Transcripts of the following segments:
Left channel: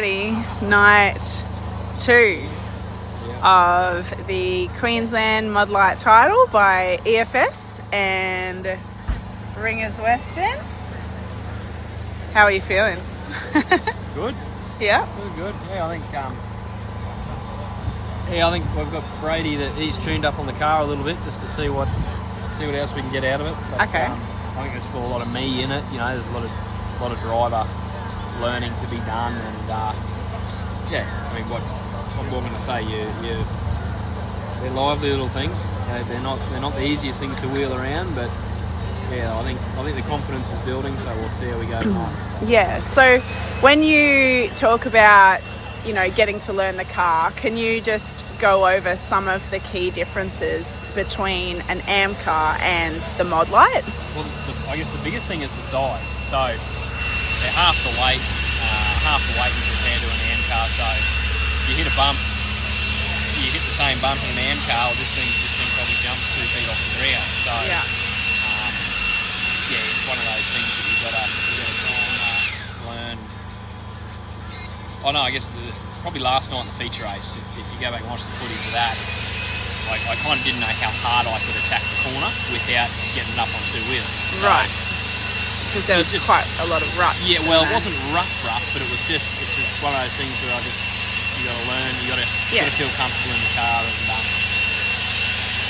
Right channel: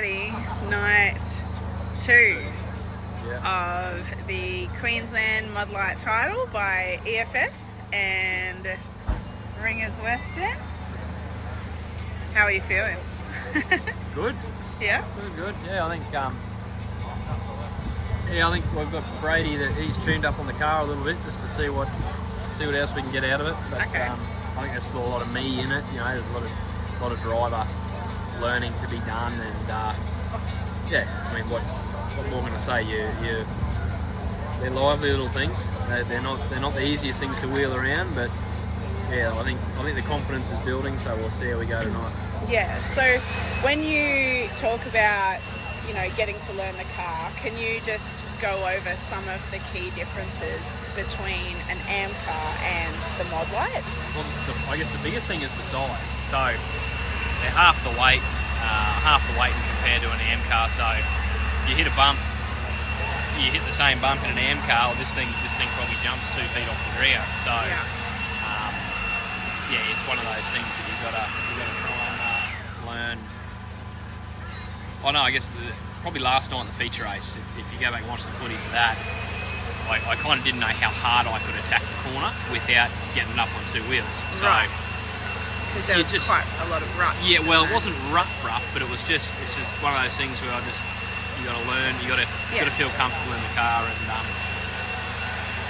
Alrighty, night 2 of the Queensland Modlite title by EFS and Ringers Western. How are you feeling? Good. Yeah. Good. Yeah, I think we've got Brady that he's tuned up on the car a little bit just to see what else we can get out of it. But okay. I think there's still a lot of me in it. You know, there's a lot of driver learning to be done, and yeah, I mean, what more can I say? They're lively little things. They're not the easiest things to wheel around, but yeah, I think the confidence is building. So we'll see how we go tonight. Yeah. So when you talk about, you know, getting to learn the car, can you just go over some of the key differences between an AM car and the Modlite? Well, I guess the biggest thing is the size. So they're half the weight compared to an AM car. So you hit a bump, you hit the same bump in an AM car, well, this thing probably jumps 2 feet off the ground. So yeah, it's one of those things that you've got to try and learn. Oh no, I guess probably last night in the feature race, if you go back and watch the footage of that, I kind of didn't know how hard I could attack the corner without getting up on 2 wheels. So right. Because there was quite a lot of ruts. Yeah, well, it wasn't rough, but it's just one of those things where you got to learn, you got to feel comfortable in the car, and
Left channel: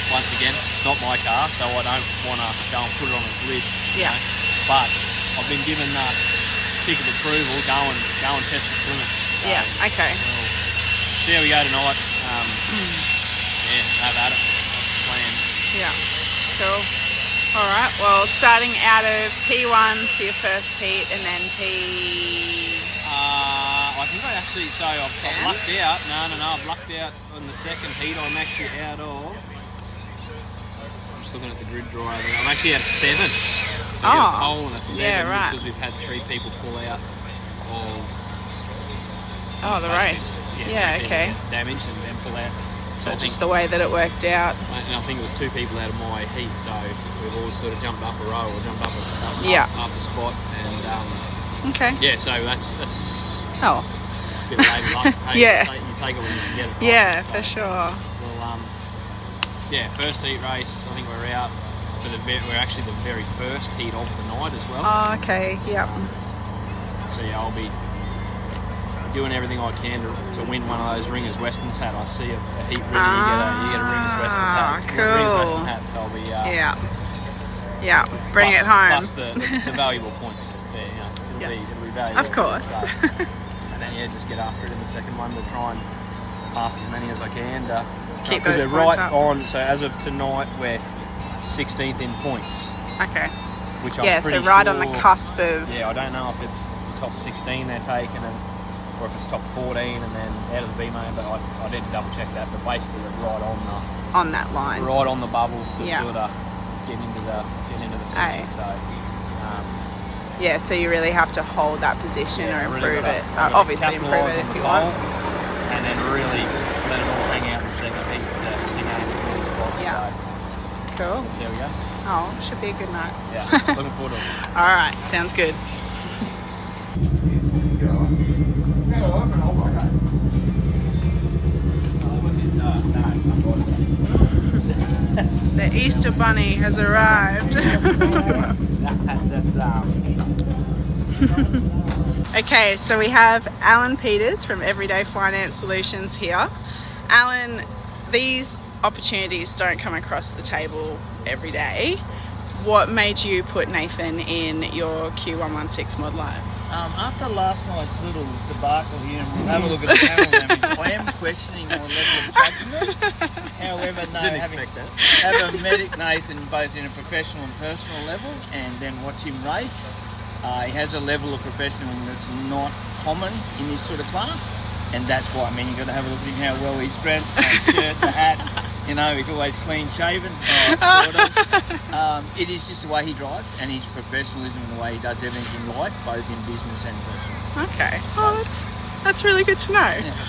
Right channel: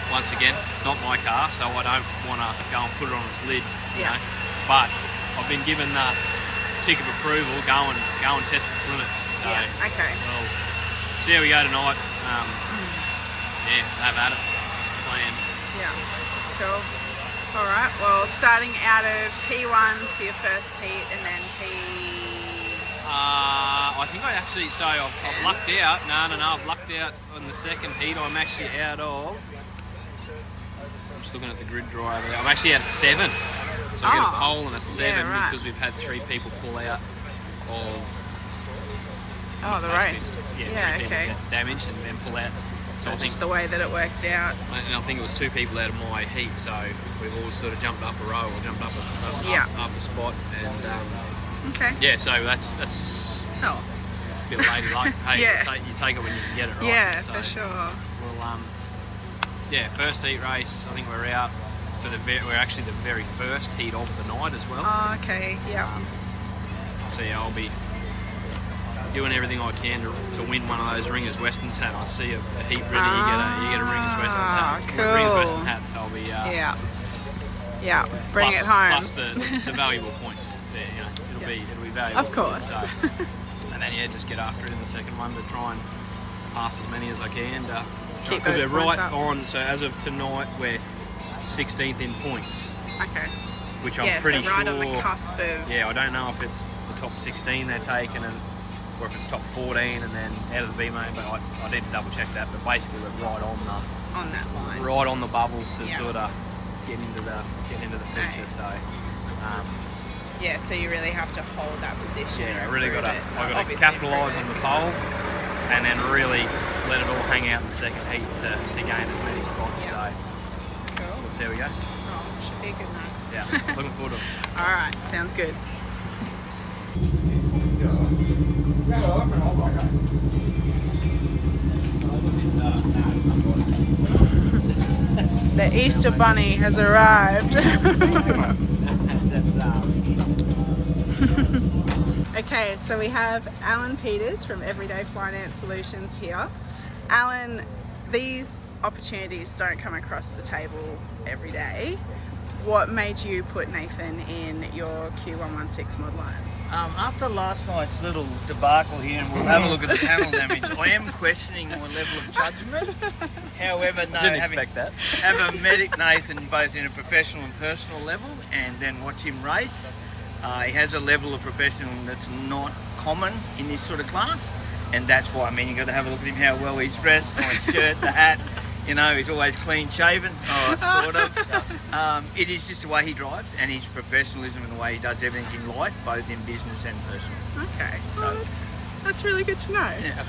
once again, it's not my car, so I don't want to go and put it on its lid. Yeah. You know? But I've been given the tick of approval, go and test its limits. So, yeah. Okay. Well, see how we go tonight. Have at it. That's the plan. Yeah. Cool. All right. Well, starting out of P1 for your first heat, and then I think I've lucked out. No, I've lucked out on the second heat. I'm actually out of. I'm just looking at the grid draw over there. I'm actually out of 7. So I get a pole and a 7 because we've had 3 people pull out of. The race. Yeah. Okay. Damaged and then pull out. So just the way that it worked out. And I think it was 2 people out of my heat, so we've all sort of jumped up a row or jumped up a spot, and okay. Yeah, so that's a bit of lady luck. Hey, yeah. You take it when you can get it, right? Yeah, so, for sure. Well, first heat race. I think we're out for we're actually the very first heat of the night as well. Oh, okay. Yeah. So yeah, I'll be doing everything I can to win one of those Ringers Westerns hat. I see a heat ring, you get a Ringers Westerns hat. Cool. Ringers Western hat, so I'll be bring it home. Plus the valuable points. Yeah, it'll be valuable. Of course. So, and then just get after it in the second one to try and pass as many as I can. Keep those points right up. on. So as of tonight, we're 16th in points. Okay. Which I'm pretty so right sure, on the cusp of. Yeah, I don't know if it's the top 16 they're taking or if it's top 14 and then out of the B main, but I need to double check that. But basically, we're right on that line, right on the bubble to sort of get into the feature. So, so you really have to hold that position or improve really it. Obviously, capitalise on the pole, and then really let it all hang out in the second heat to gain as many spots. Yeah. So, cool. Let's see how we go. Oh, should be a good night. Yeah, looking forward to it. All right, sounds good. The Easter Bunny has arrived. Okay, so we have Alan Peters from Everyday Finance Solutions here. Alan, these opportunities don't come across the table every day. What made you put Nathan in your Q116 Modlite? After last night's little debacle here, and we'll have a look at the panel damage, I am questioning my level of judgment. However, having met Nathan both in a professional and personal level, and then watch him race, he has a level of professionalism that's not common in this sort of class, and that's why. You've got to have a look at him, how well he's dressed, the shirt, the hat. He's always clean shaven, sort of. It is just the way he drives and his professionalism and the way he does everything in life, both in business and personal. Okay. Well, that's really good to know. Yeah,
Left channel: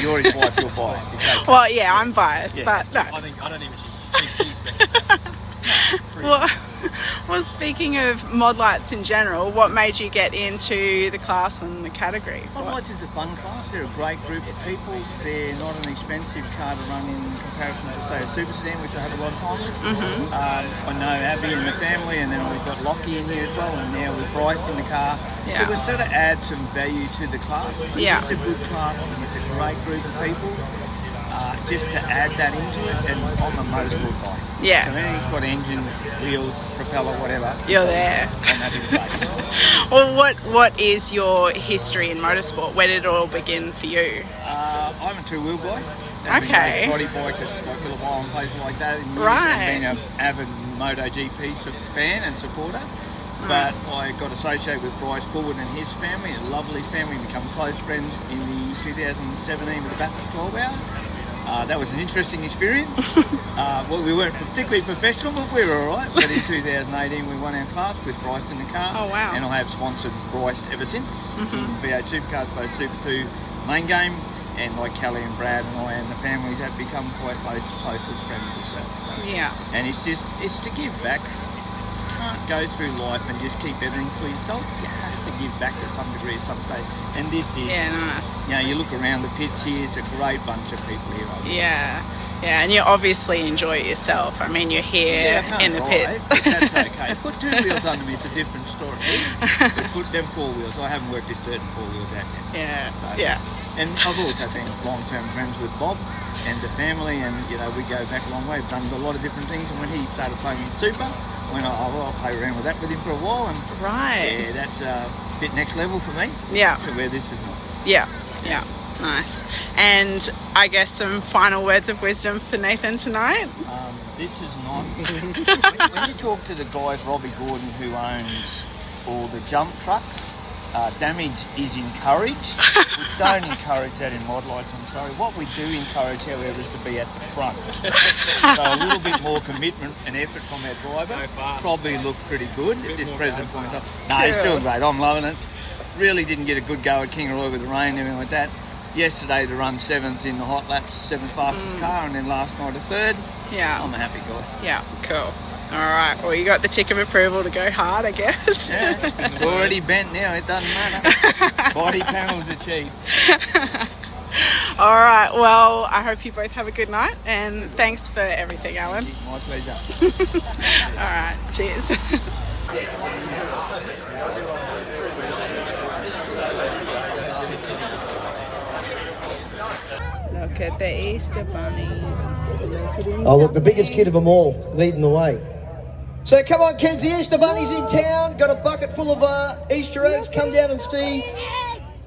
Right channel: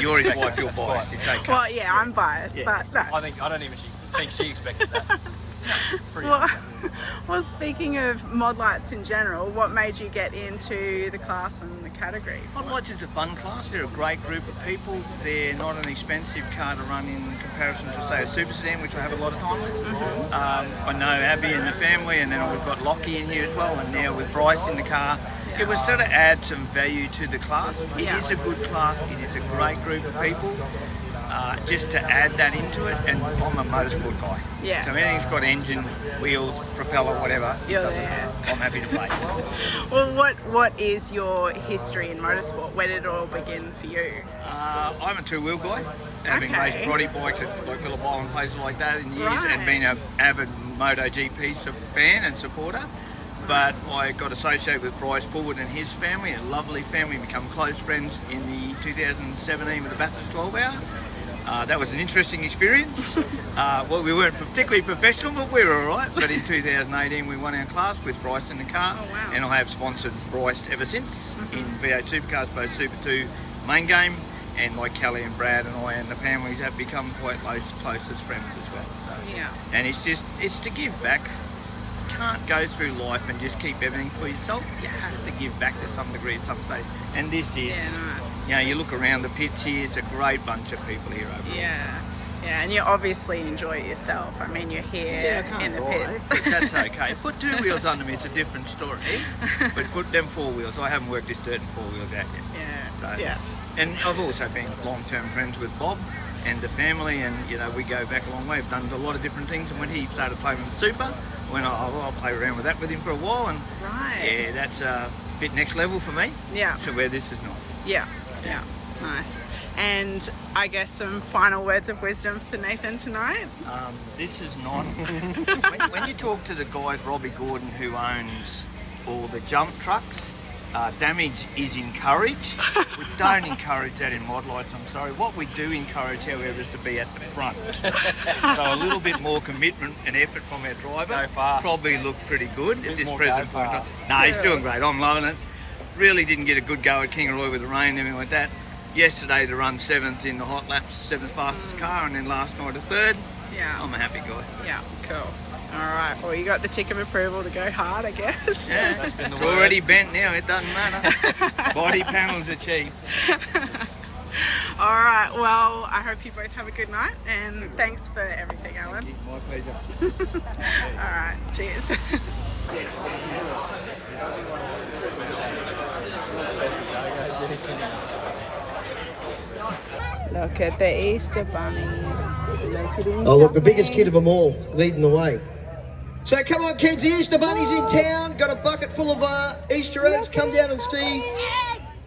you're his wife, you're biased. Well, yeah, I'm biased, but no. I don't even think she expected that. Well, speaking of Modlites in general, what made you get into the class and the category? Modlites is a fun class. They're a great group of people. They're not an expensive car to run in comparison to, say, a super sedan, which I have a lot of time with. I know Abby and the family, and then we've got Lockie in here as well, and now with Bryce in the car. Yeah. It was sort of add some value to the class. It is a good class. It is a great group of people. Just to add that into it, and I'm a motorsport guy. Yeah. So anything's got engine, wheels, propeller, whatever. You're there. I'm happy to play. Well, what is your history in motorsport? Where did it all begin for you? I'm a two-wheel guy. I've been racing body bikes at like Phillip Island, places like that in years, and been an avid MotoGP fan and supporter. But I got associated with Bryce Forward and his family, a lovely family, become close friends in the 2017 with the Bathurst 12 Hour. That was an interesting experience. Well, we weren't particularly professional, but we were all right. But in 2018, we won our class with Bryce in the car. Oh, wow. And I have sponsored Bryce ever since in V8 Supercars, both Super 2 main game, and like Kelly and Brad and I and the families have become quite close as friends as well. So. Yeah. And it's to give back. You can't go through life and just keep everything for yourself. You have to give back to some degree at some stage. And this is, you know, you look around the pits here, it's a great bunch of people here over there. Yeah, and you obviously enjoy it yourself. I mean, you're here in the pits. But that's okay. Put two wheels under me, it's a different story. But put them four wheels. I haven't worked this dirt in four wheels out yet. Yeah. And I've also been long-term friends with Bob and the family, and you know, we go back a long way. We've done a lot of different things, and when he started playing with Super, I'll play around with that with him for a while, and yeah, that's a bit next level for me. Yeah. So where this is not. Yeah. Nice. And I guess some final words of wisdom for Nathan tonight. This is not. when you talk to the guys, Robbie Gordon, who owns all the jump trucks, damage is encouraged. We don't encourage that in Modlites, I'm sorry. What we do encourage, however, is to be at the front. So a little bit more commitment and effort from our driver. Probably look pretty good at this present point. No, he's doing great. I'm loving it. Really didn't get a good go at Kingaroy with the rain and everything like that. Yesterday to run 7th in the hot laps, 7th fastest car, and then last night a 3rd. Yeah. I'm a happy guy. Yeah, cool. All right, well, you got the tick of approval to go hard, I guess. Yeah, it's already bent now, it doesn't matter. Body panels are cheap. All right, well, I hope you both have a good night, and thanks for everything, Alan. My pleasure. All right, cheers. Look at the Easter Bunny. Oh, look, the biggest kid of them all, leading the way. So come on, kids, the Easter Bunny's in town. Got a bucket full of Easter eggs. Come down and see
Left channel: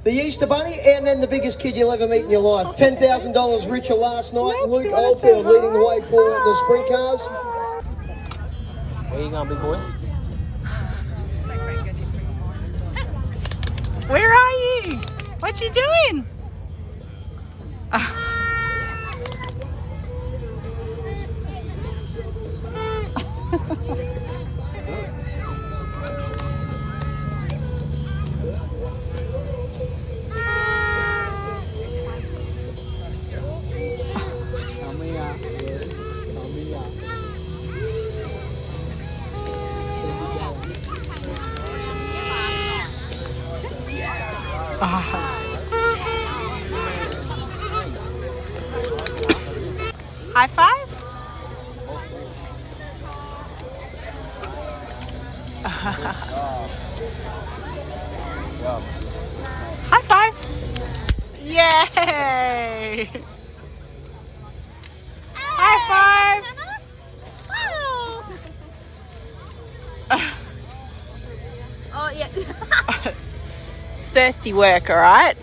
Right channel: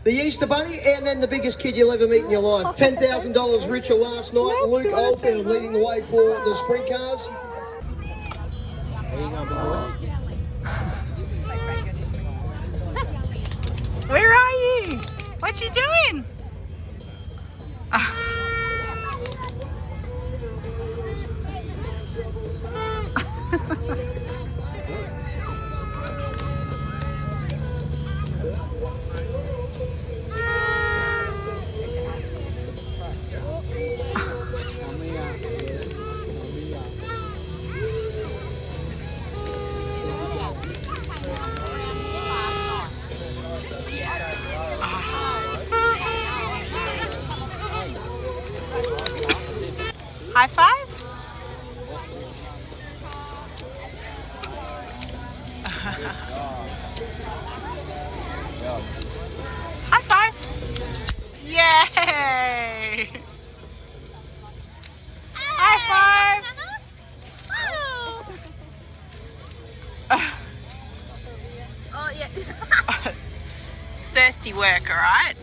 the Easter Bunny, and then the biggest kid you'll ever meet in your life. $10,000 richer last night. Luke Oldfield leading the way for the sprint cars. Where you going, big boy? Where are you? What you doing? High five? High five! Yay! High five! Oh yeah. It's thirsty work, all right?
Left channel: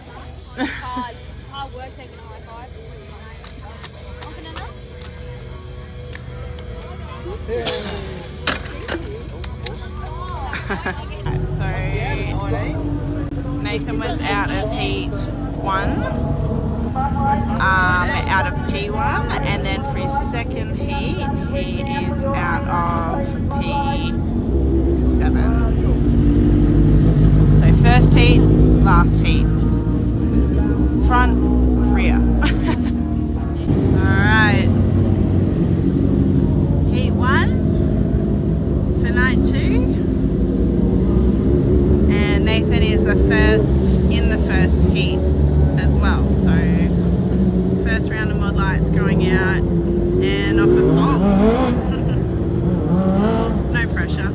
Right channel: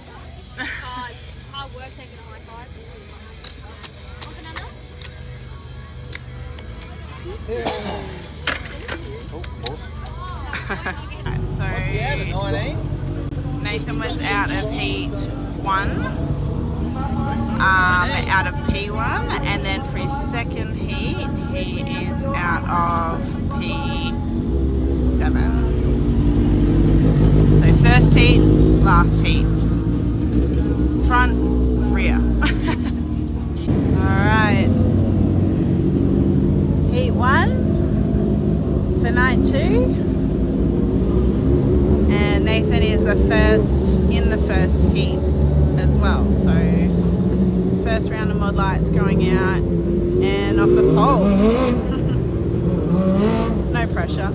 It's hard work taking a high five. Right, so Nathan was out of heat 1, out of P1, and then for his second heat he is out of P7. So first heat, last heat, front, rear. Alright, heat 1 for 19. Oh. No pressure.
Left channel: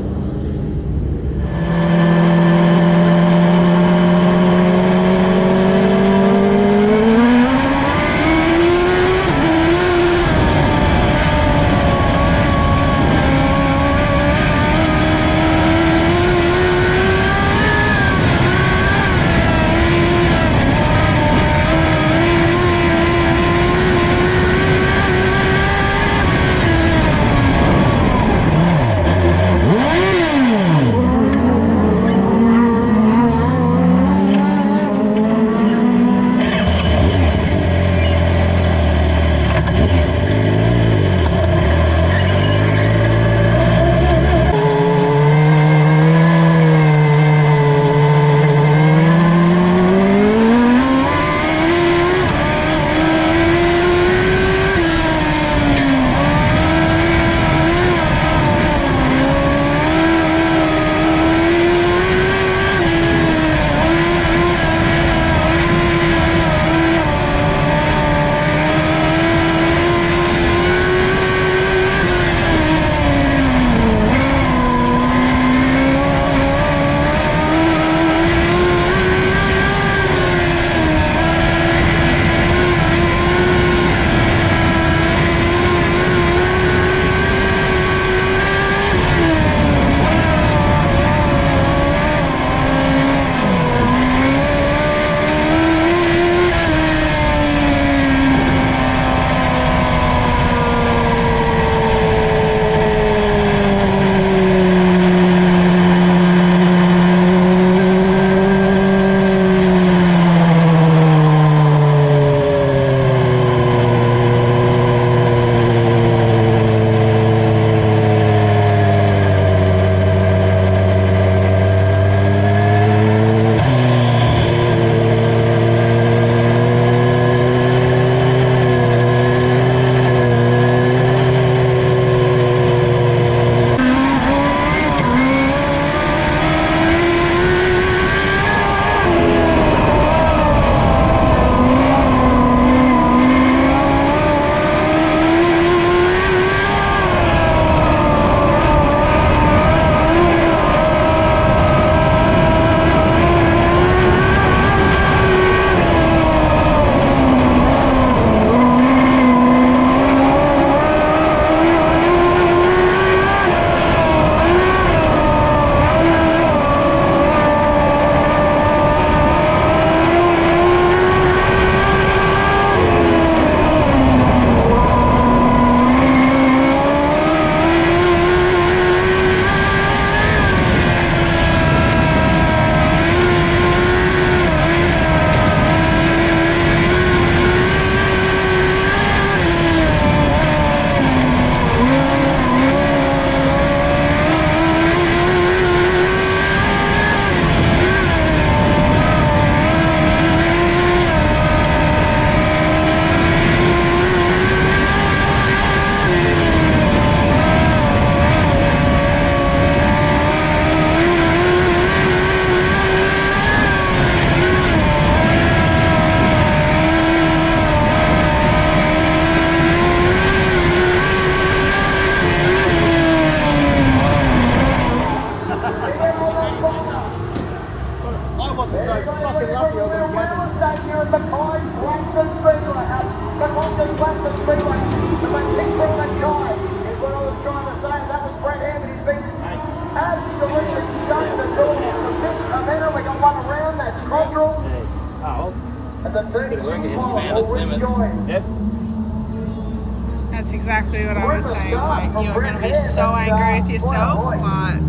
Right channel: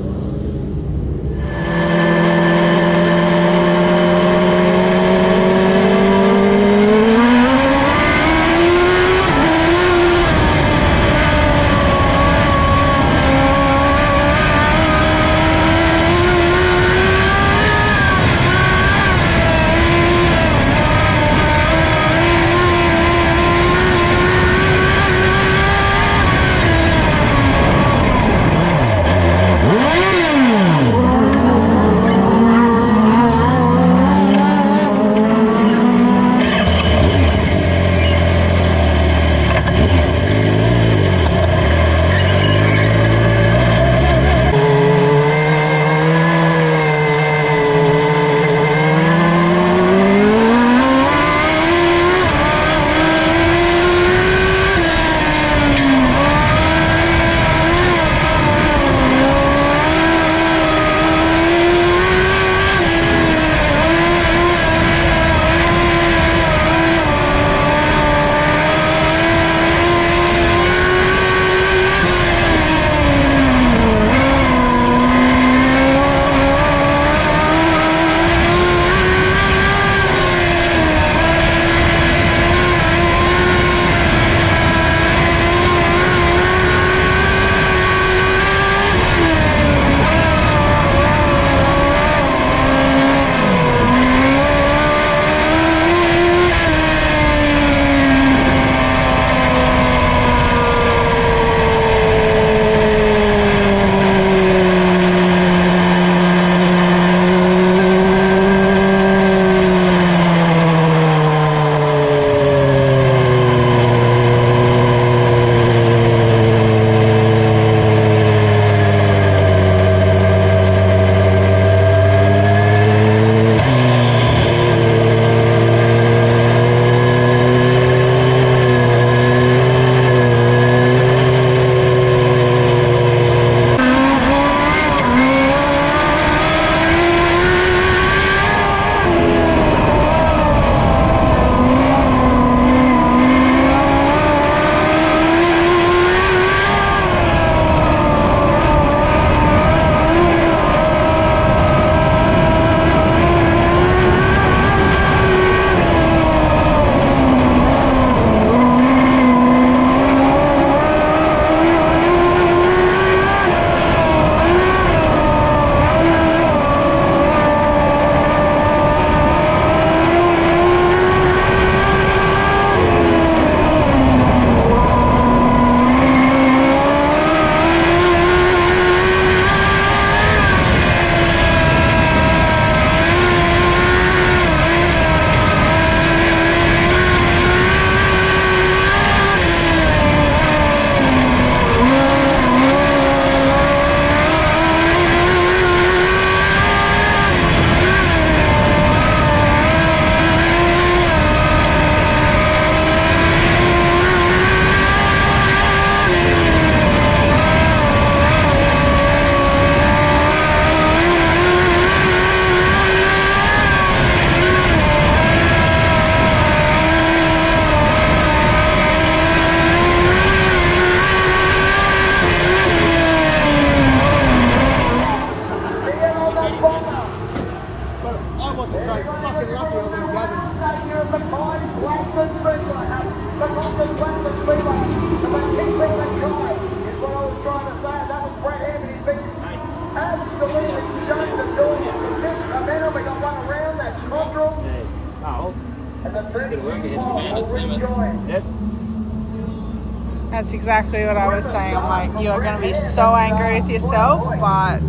That's exactly what I was saying. I'm like, you're going to be so angry with yourself, but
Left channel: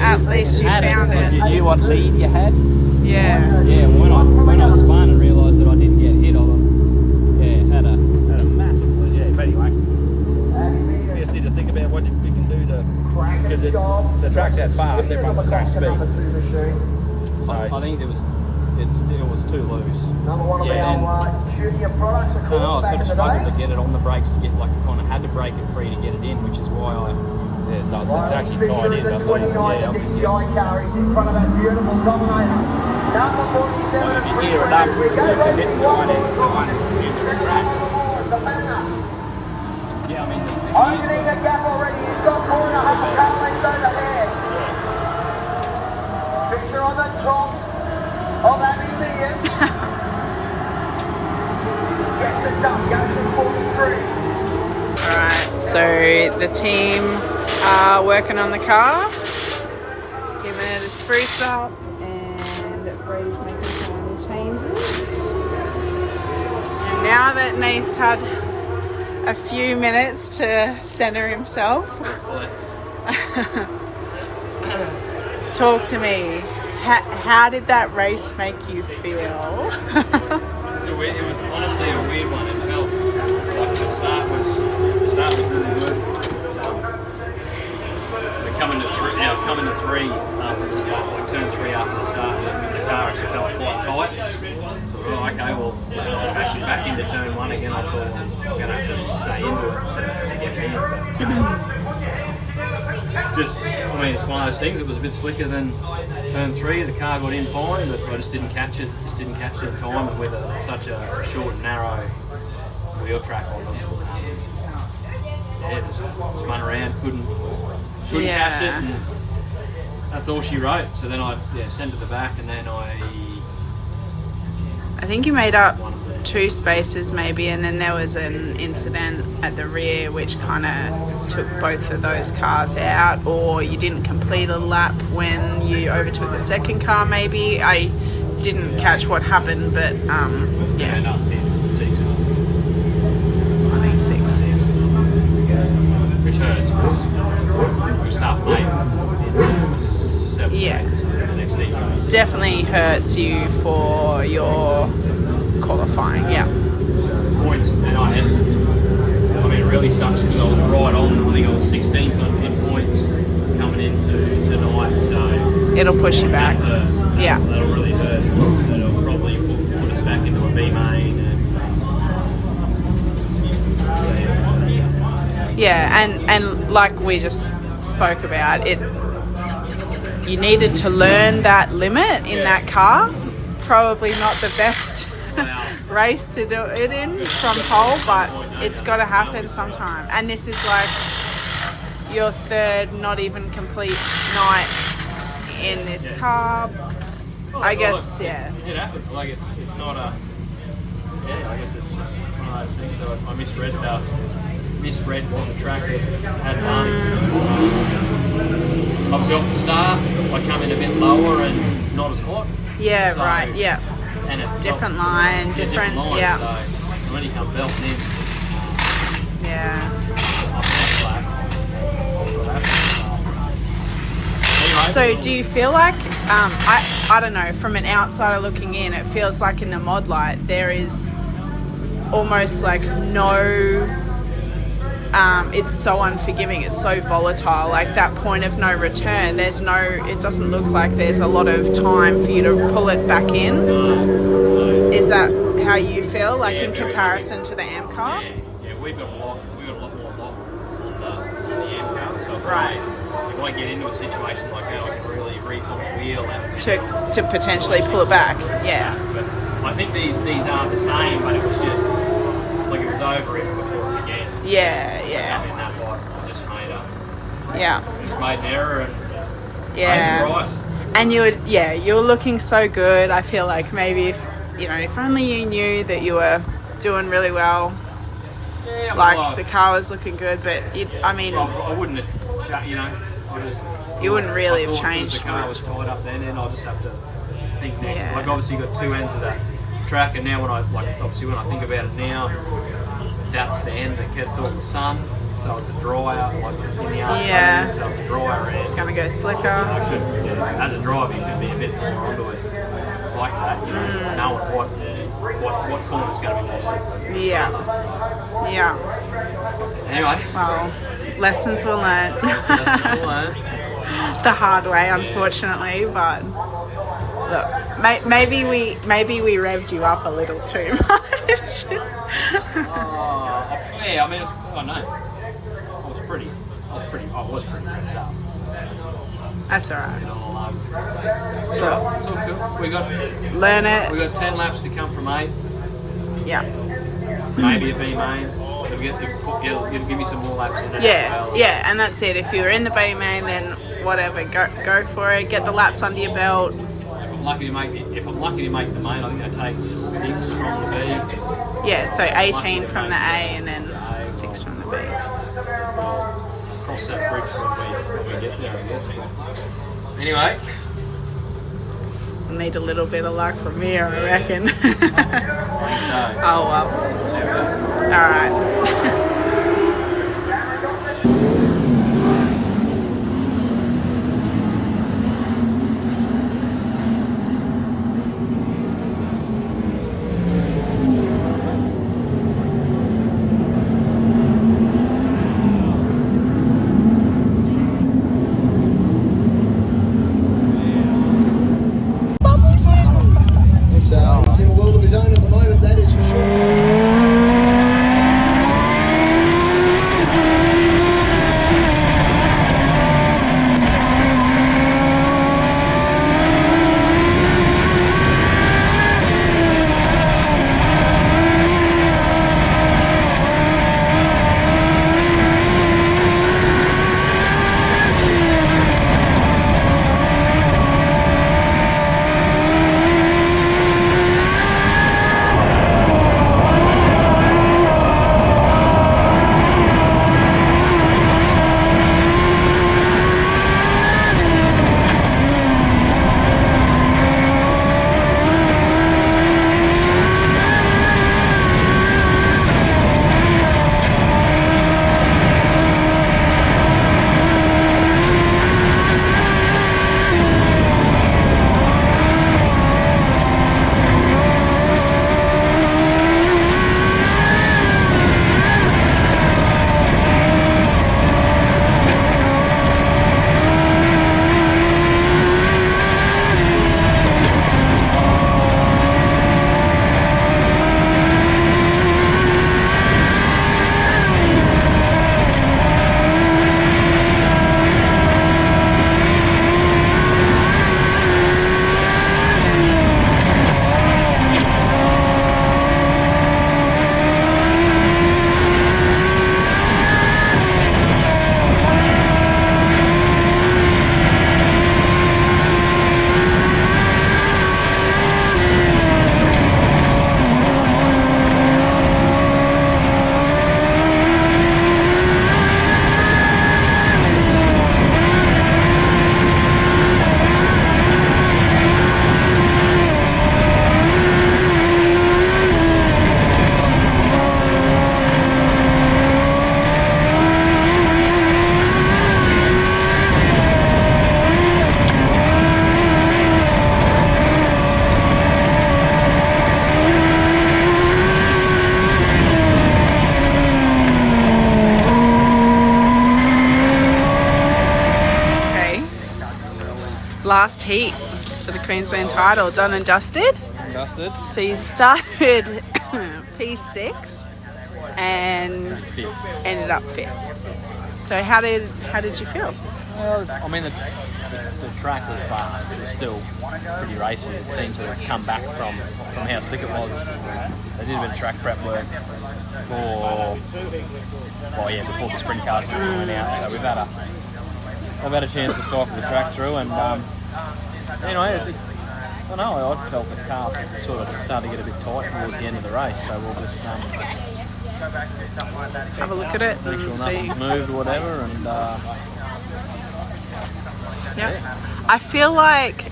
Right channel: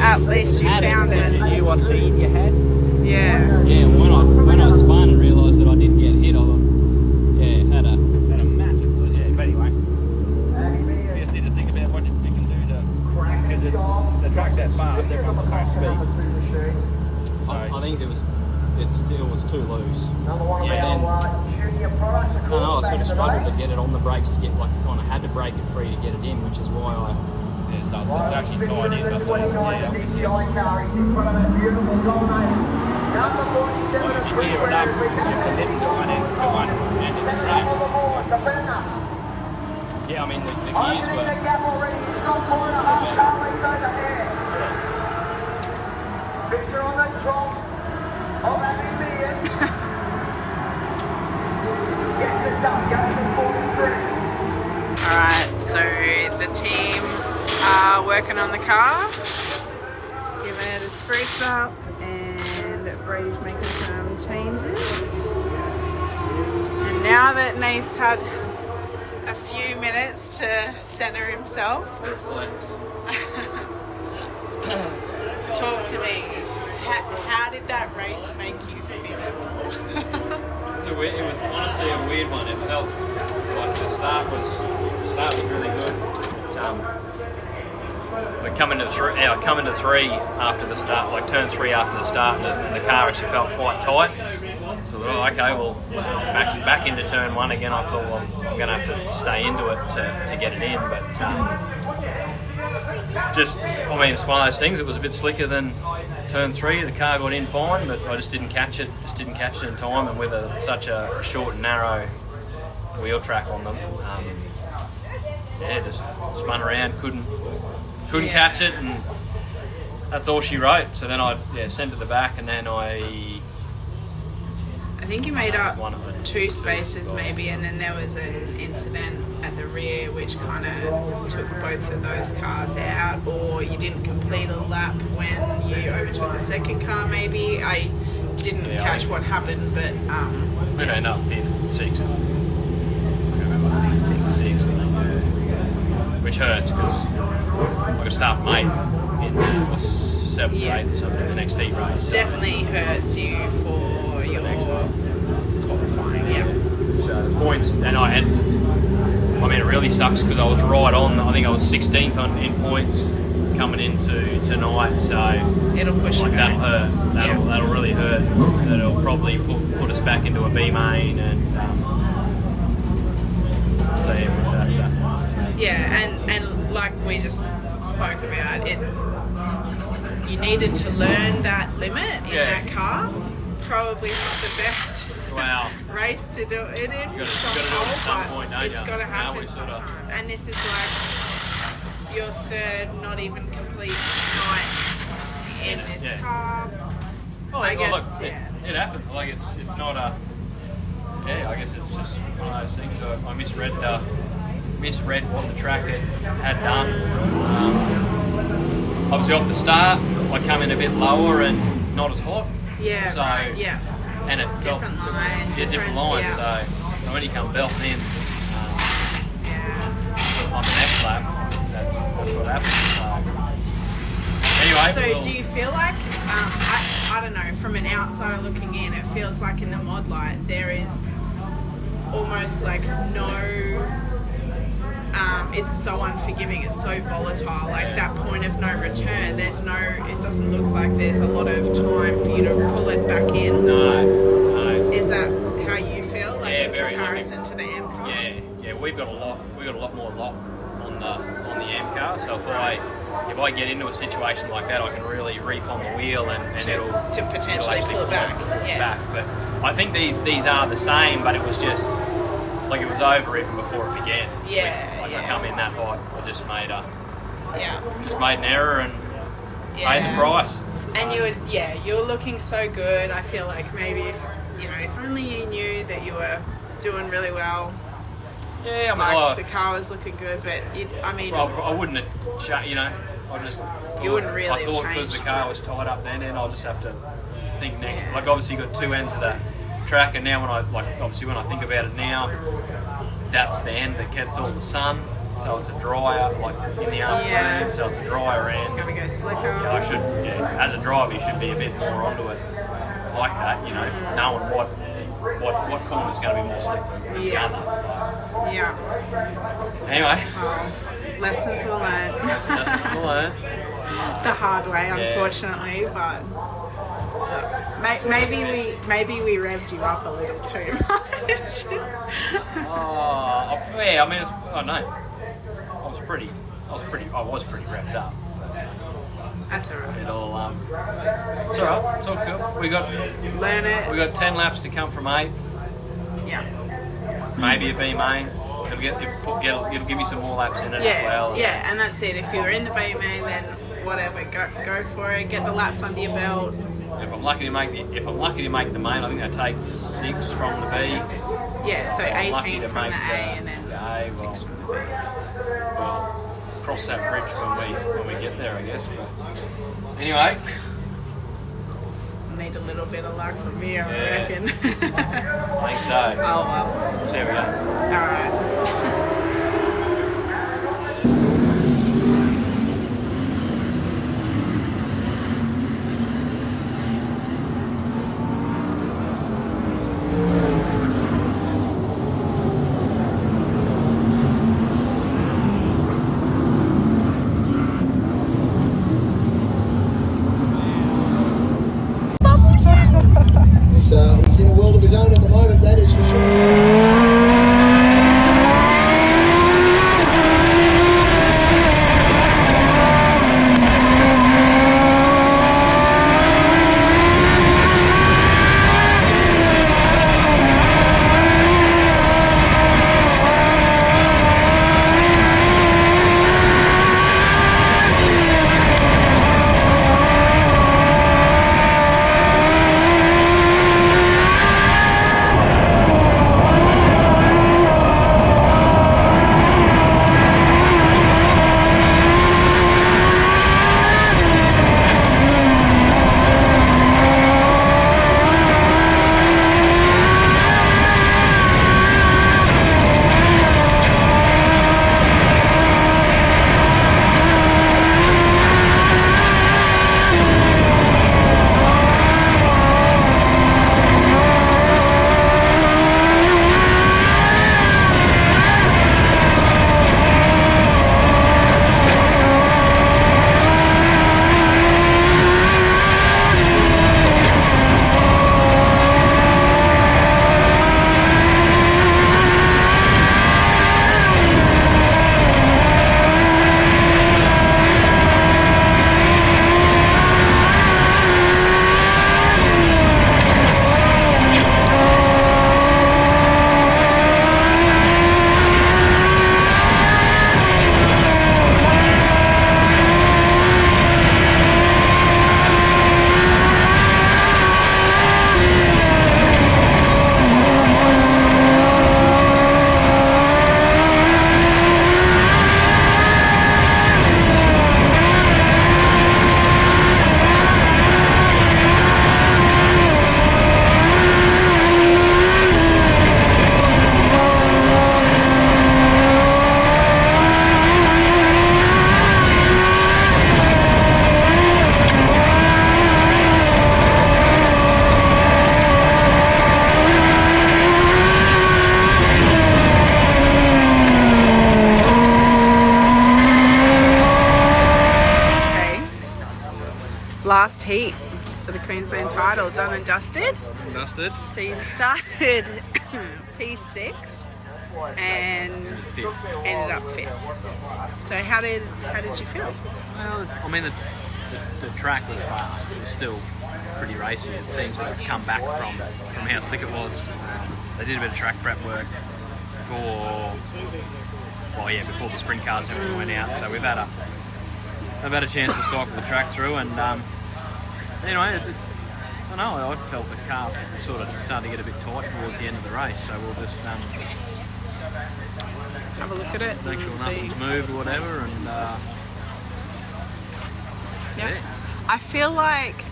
at least you found it. You knew what lead you had? Yeah. Yeah, when I spun and realised that I didn't get hit, I had a massive lead. Yeah, but anyway, we just need to think about what you can do to, because the track's that fast, everyone's the same speed. I think it still was too loose. Yeah, and then I sort of struggled to get it on the brakes to get, like, I kind of had to brake it free to get it in, which is why so it's actually tied in. That's what it's, if you hear it up, the little line into the track. Yeah, I mean the gears were. Alright, so the team are working on the car, giving it a spruce up, and Brady's making some changes. And now that Nate's had a few minutes to centre himself, talk to me. How did that race make you feel? It was honestly a weird one. It felt like the start was really good. But coming to three after the start, like turn 3 after the start, the car actually felt quite tight. So okay, well, actually back into turn 1 again. I thought I'm going to have to stay into it to get it in, but it's one of those things. It was a bit slicker than turn 3. The car got in fine, but I just didn't catch it. In time, and with such a short and narrow wheel track on them, just spun around, couldn't catch it, and that's all she wrote. So then I sent it to the back, and then I think you made up 2 spaces maybe, and then there was an incident at the rear which kind of took both of those cars out, or you didn't complete a lap when you overtook the second car maybe. I didn't catch what happened, but ended up 5th, 6th. I think 6th. Which hurts because I got staff mate in 7th or something the next heat race. So. Definitely hurts you for your qualifying, So points, and it really sucks because I was right on. I think I was 16th in points coming into tonight, so it'll push you back. That'll hurt. That'll really hurt. That'll probably put us back into a B main, and and like we just spoke about it, you needed to learn that limit in that car. Probably not the best race to do it in from pole, but it's got to happen sometime. And this is like your 3rd not even complete night in this car. I guess, It happens. Like it's not a. I guess it's just one of those things. I misread what the track had done. I was off the start. I come in a bit lower and not as hot. Yeah, so, right. Yeah. And it different line. So when you come belting in, on that lap, that's what happens. So do you feel like, I don't know, from an outsider looking in, it feels like in the Modlite there is almost like no, it's so unforgiving, it's so volatile, like that point of no return, it doesn't look like there's a lot of time for you to pull it back in. No. Is that how you feel, like in comparison to the M car? Yeah, we've got a lot more lock on the M car, so if I get into a situation like that, I can really reef on the wheel and to potentially pull it back. But I think these are the same, but it was just like it was over even before it began. I come in that hot, I just made an error and paid the price. And you were looking so good. I feel like maybe if only you knew that you were doing really well. Yeah, the car was looking good, but I wouldn't have, you wouldn't really have changed. Because the car was tied up then, and I'll just have to think next. Like obviously you got 2 ends of the track, and now when I think about it now, that's the end that gets all the sun, so it's a drier, like in the afternoon, so it's a drier end. It's gonna go slicker. As a driver, you should be a bit more onto it like that, knowing what corner's going to be more slippery. Anyway. Well, lessons were learned. The hard way, unfortunately, but look, maybe we revved you up a little too much. I was pretty revved up. That's alright. It's all cool. We got 10 laps to come from 8th. Yeah. Maybe a B main. It'll give me some more laps in it. Yeah, as well. yeah, and that's it. If you're in the B main, then whatever, go for it. Get the laps under your belt. If I'm lucky to make the main, I think I take 6 from the B. Yeah, so Lucky 18 to from the make A and then the A, 6 from the B. We'll cross that bridge when we get there, I guess. But anyway, Need a little bit of luck from here, I reckon. I think so. Oh well. See how we go. All right. So he's in a world of his own at the moment, that is for sure. Last heat for the Queensland title, done and dusted. Dusted. So you started P6 and ended up 5th. So how did you feel? Well, I mean, the track was fast. It was still pretty racy. It seems that it's come back from how slick it was. They did a bit of track prep work before the sprint cars and everything went out. So I've had a chance to cycle the track through, and anyway, I felt the car sort of started to get a bit tight towards the end of the race. So we'll just have a look at it make and sure see. nothing's moved or whatever, and yeah. I feel like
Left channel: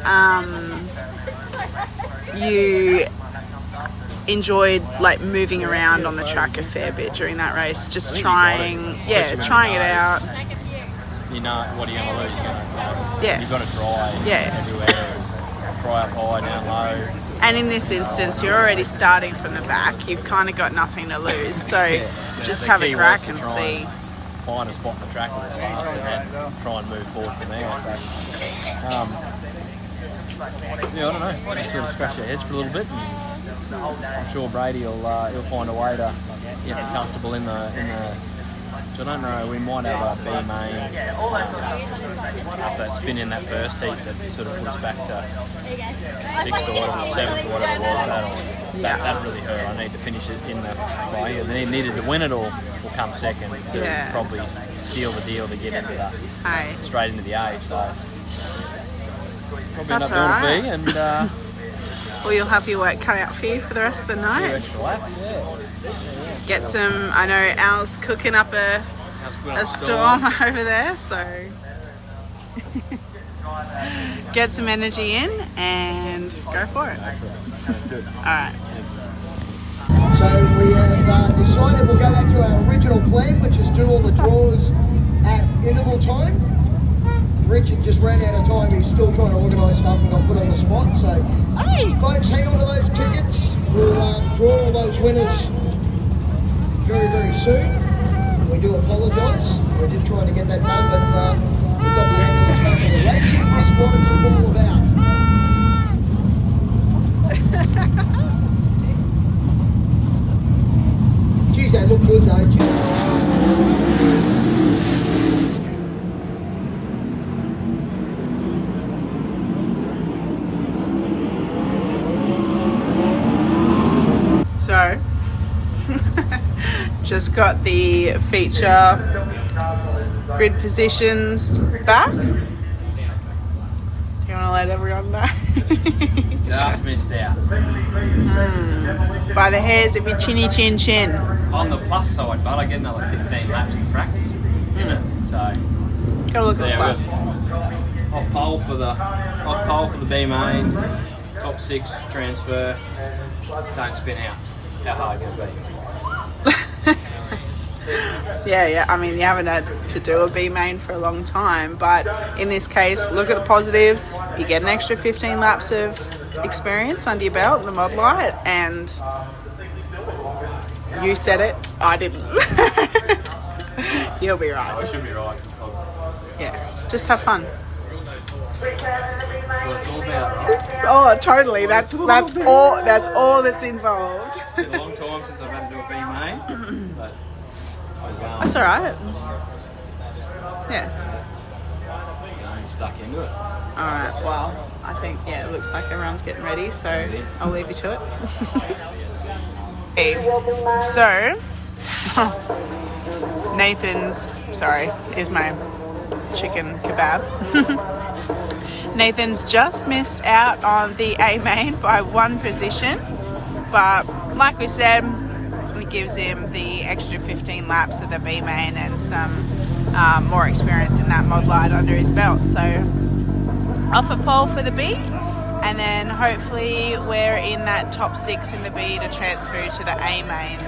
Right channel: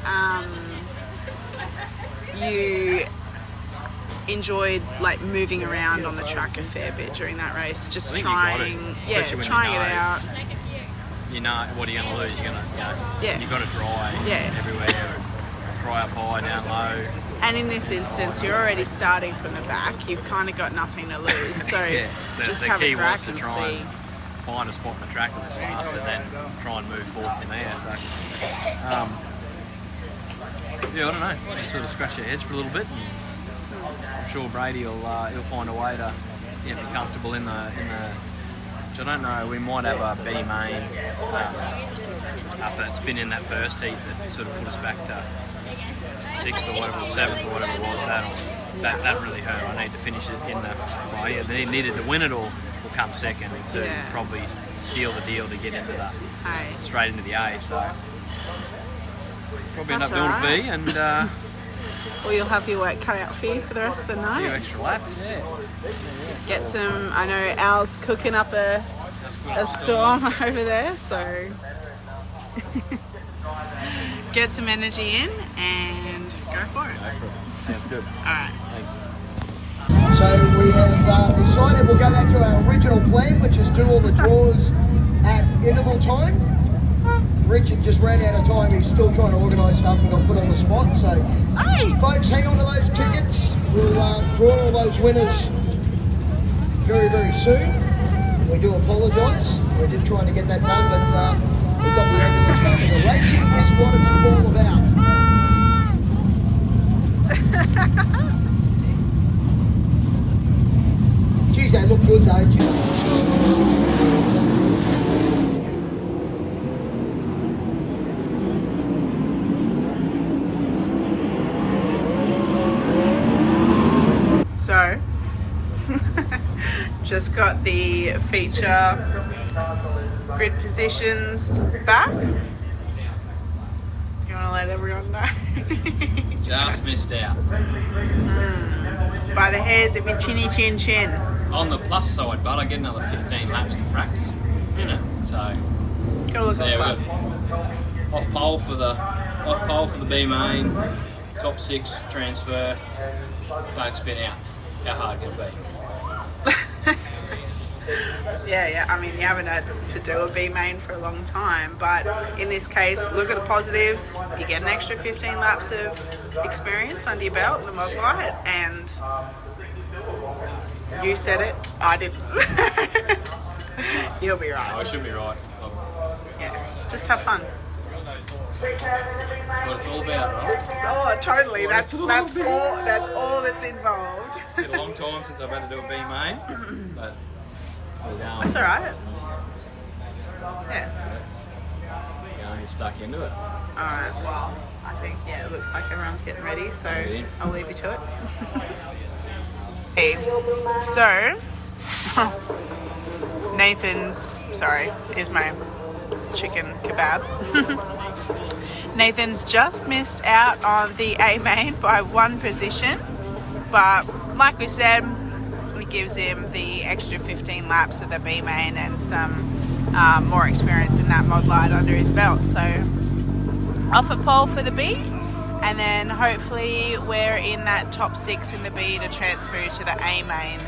you enjoyed like moving around on the track a fair bit during that race, just trying it out. You know what are you going to lose? You're going Yeah. You've got to dry everywhere, and dry up high, down low. And in this instance, you're already starting from the back. You've kind of got nothing to lose, so just have a crack and see. Find a spot in the track that was fast, and then try and move forward from there. So, I don't know. Just sort of scratch your heads for a little bit, and I'm sure Brady will he'll find a way to be comfortable in the. So I don't know. We might have a B main after that spin in that first heat that sort of put us back to 6th or whatever, 7th or whatever it was. Yeah. That really hurt. I need to finish it in the play, and then he needed to win it or come second to probably seal the deal to get into that straight into the A. So probably That's end up all doing a B, and well, you'll have your work cut out for you for the rest of the a few night. extra laps. Yeah. Get some. I know Al's cooking up a storm over there, so get some energy in and go for it. Sounds good. Alright. So we have decided we'll go back to our original plan, which is do all the draws at interval time. Richard just ran out of time. He's still trying to organise stuff and got put on the spot. So, folks, hang on to those tickets. We'll draw all those winners very, very soon. We do apologise. We did try to get that done, but we've got the ambulance back, and the racing is what it's all about. Geez, they look good, don't you? So, just got the feature grid positions back. Do you want to let everyone know? Just missed out. By the hairs of your chinny chin chin. On the plus side, but I get another 15 laps to practice in it. So Go look at the plus. off pole for the B main, top 6 transfer. Don't spin out. How hard can it be? Yeah, I mean, you haven't had to do a B main for a long time, but in this case, look at the positives. You get an extra 15 laps of experience under your belt in the Modlite, and you said it, I didn't. You'll be right. I should be right. Yeah, just have fun. That's what it's all about, right? Oh, totally. That's all that's involved. It's been a long time since I've had to do a B main, but That's all right. Yeah. I'm just stuck into it. All right. Well, I think it looks like everyone's getting ready, so I'll leave you to it. Okay. So, Nathan's. Sorry, here's my chicken kebab. Nathan's just missed out on the A main by 1 position, but like we said, it gives him the extra 15 laps of the B main and some more experience in that Modlite under his belt. So off a pole for the B, and then hopefully we're in that top 6 in the B to transfer to the A main.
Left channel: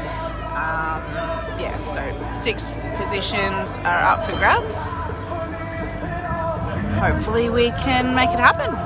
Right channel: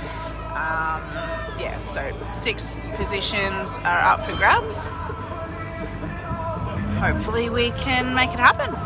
Yeah, so 6 positions are up for grabs. Hopefully we can make it happen.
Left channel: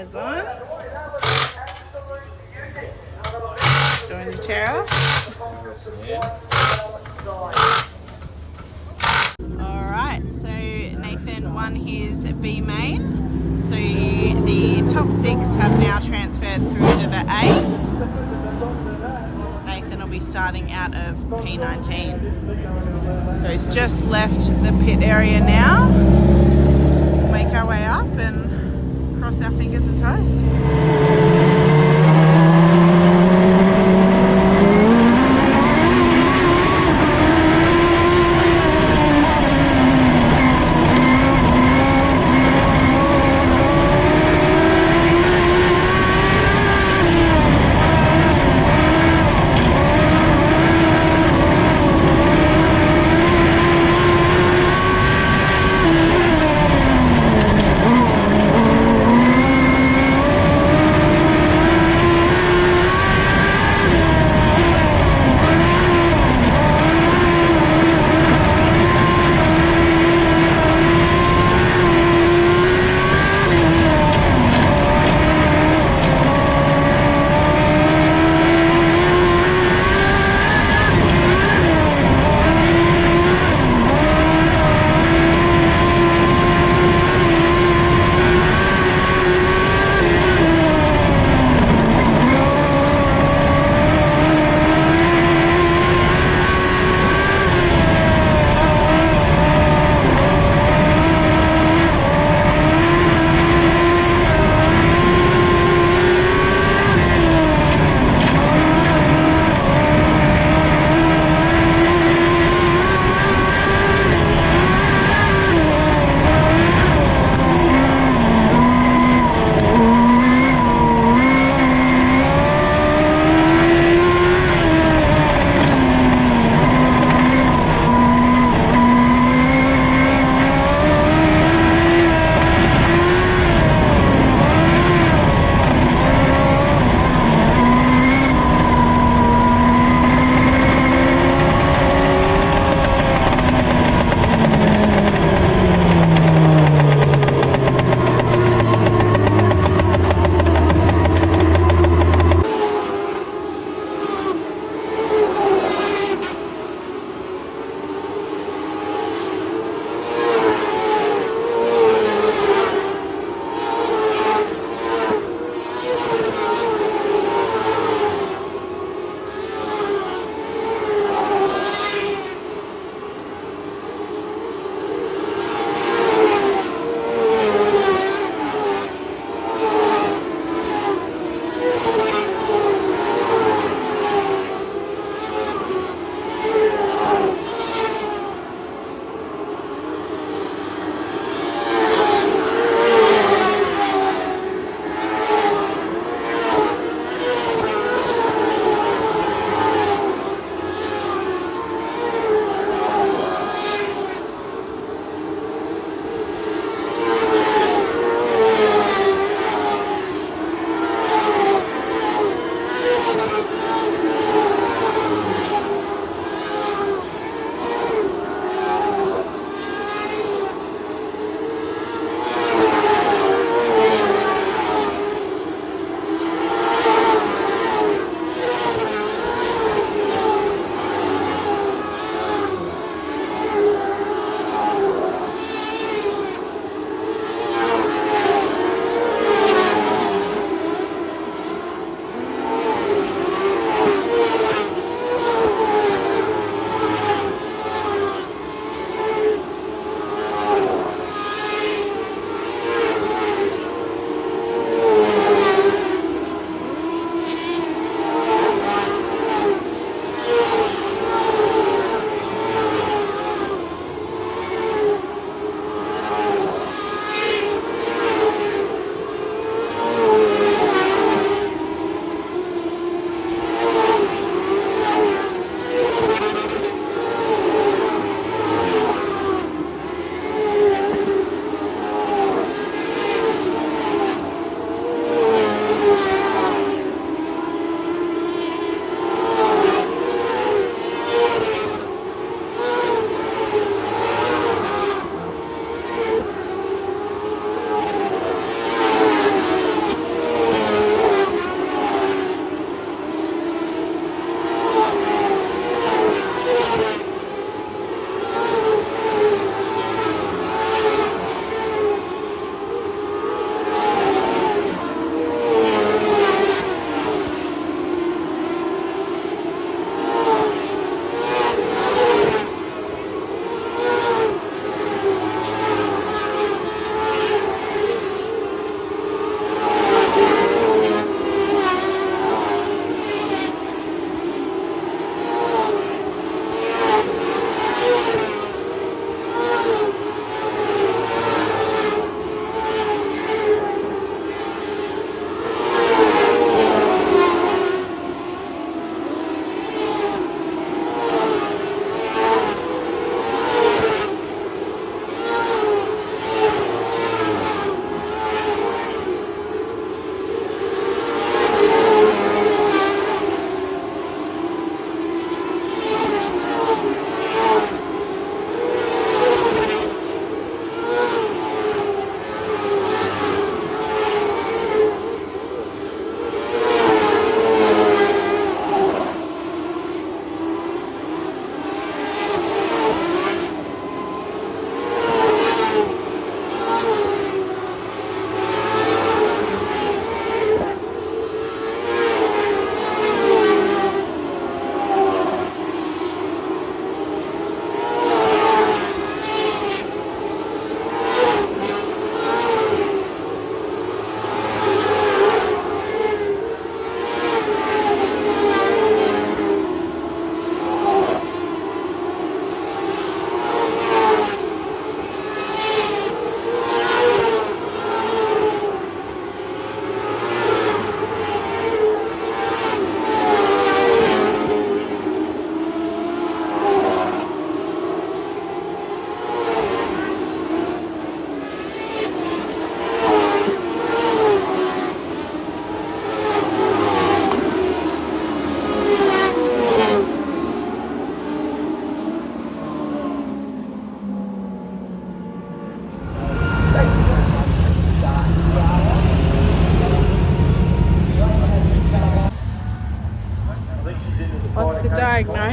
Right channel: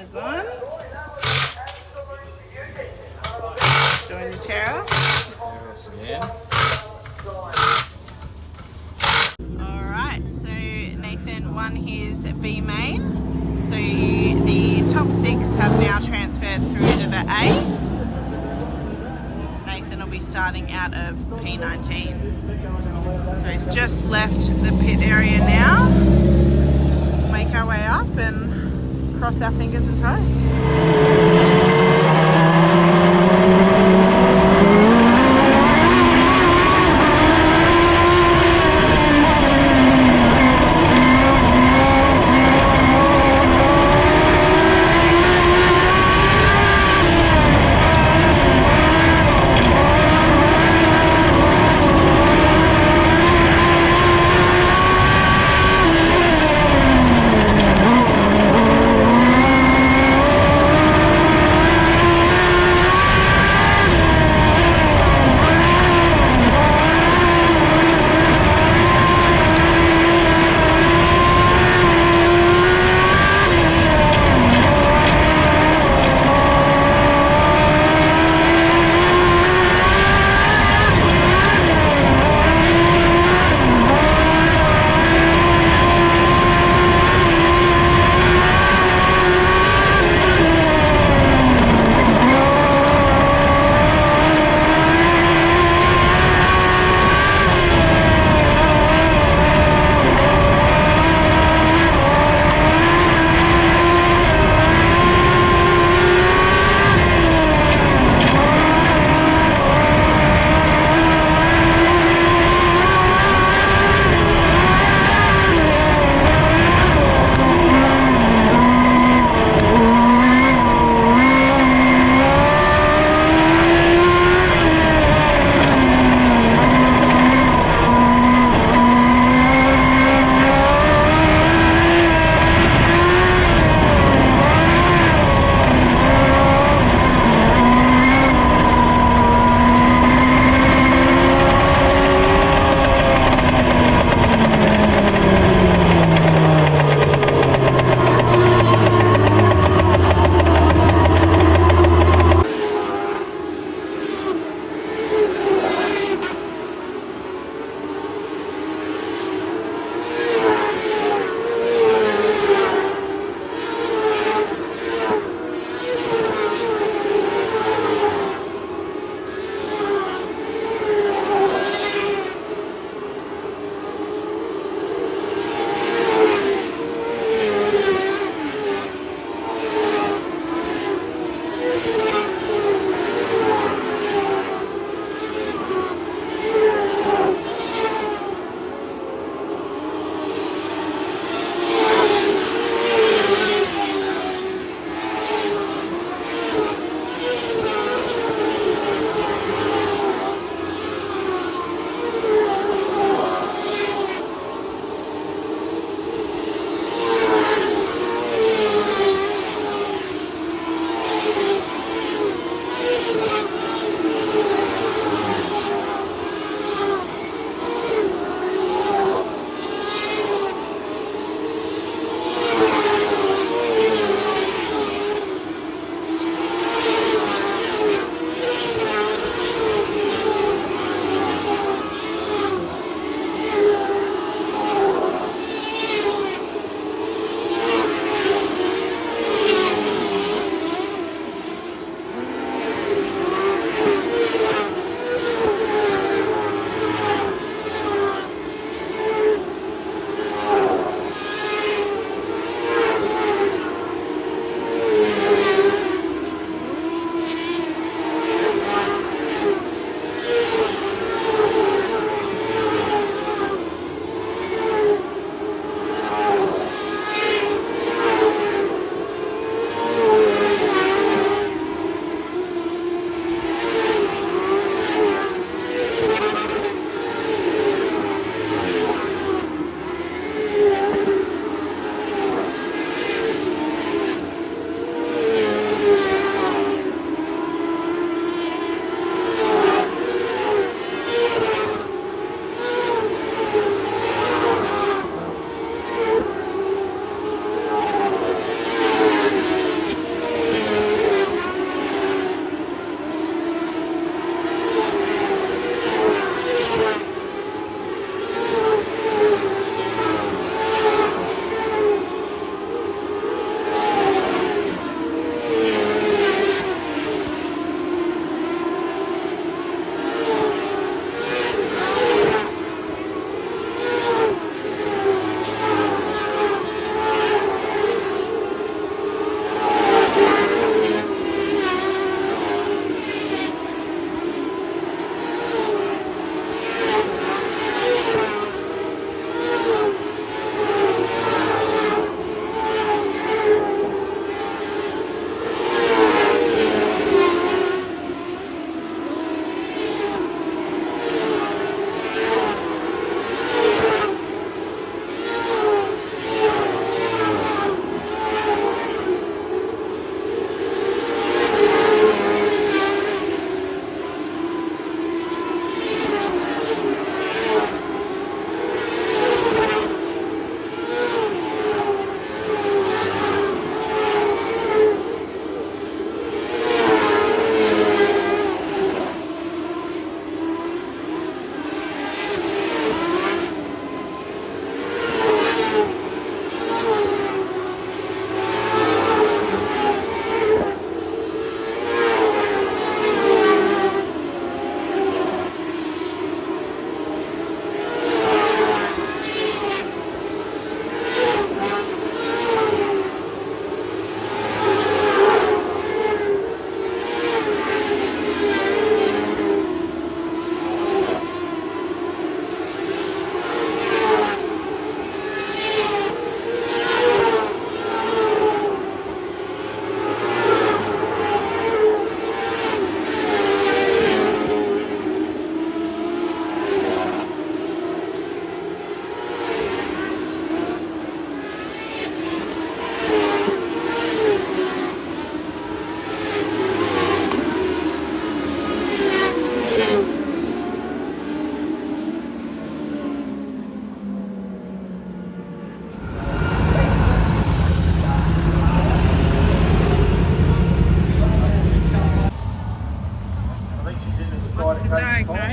tyres on. Doing your Terra. Alright, so Nathan won his B main. So the top 6 have now transferred through to the A. Nathan will be starting out of P19. So he's just left the pit area now. We'll make our way up and cross our fingers and toes.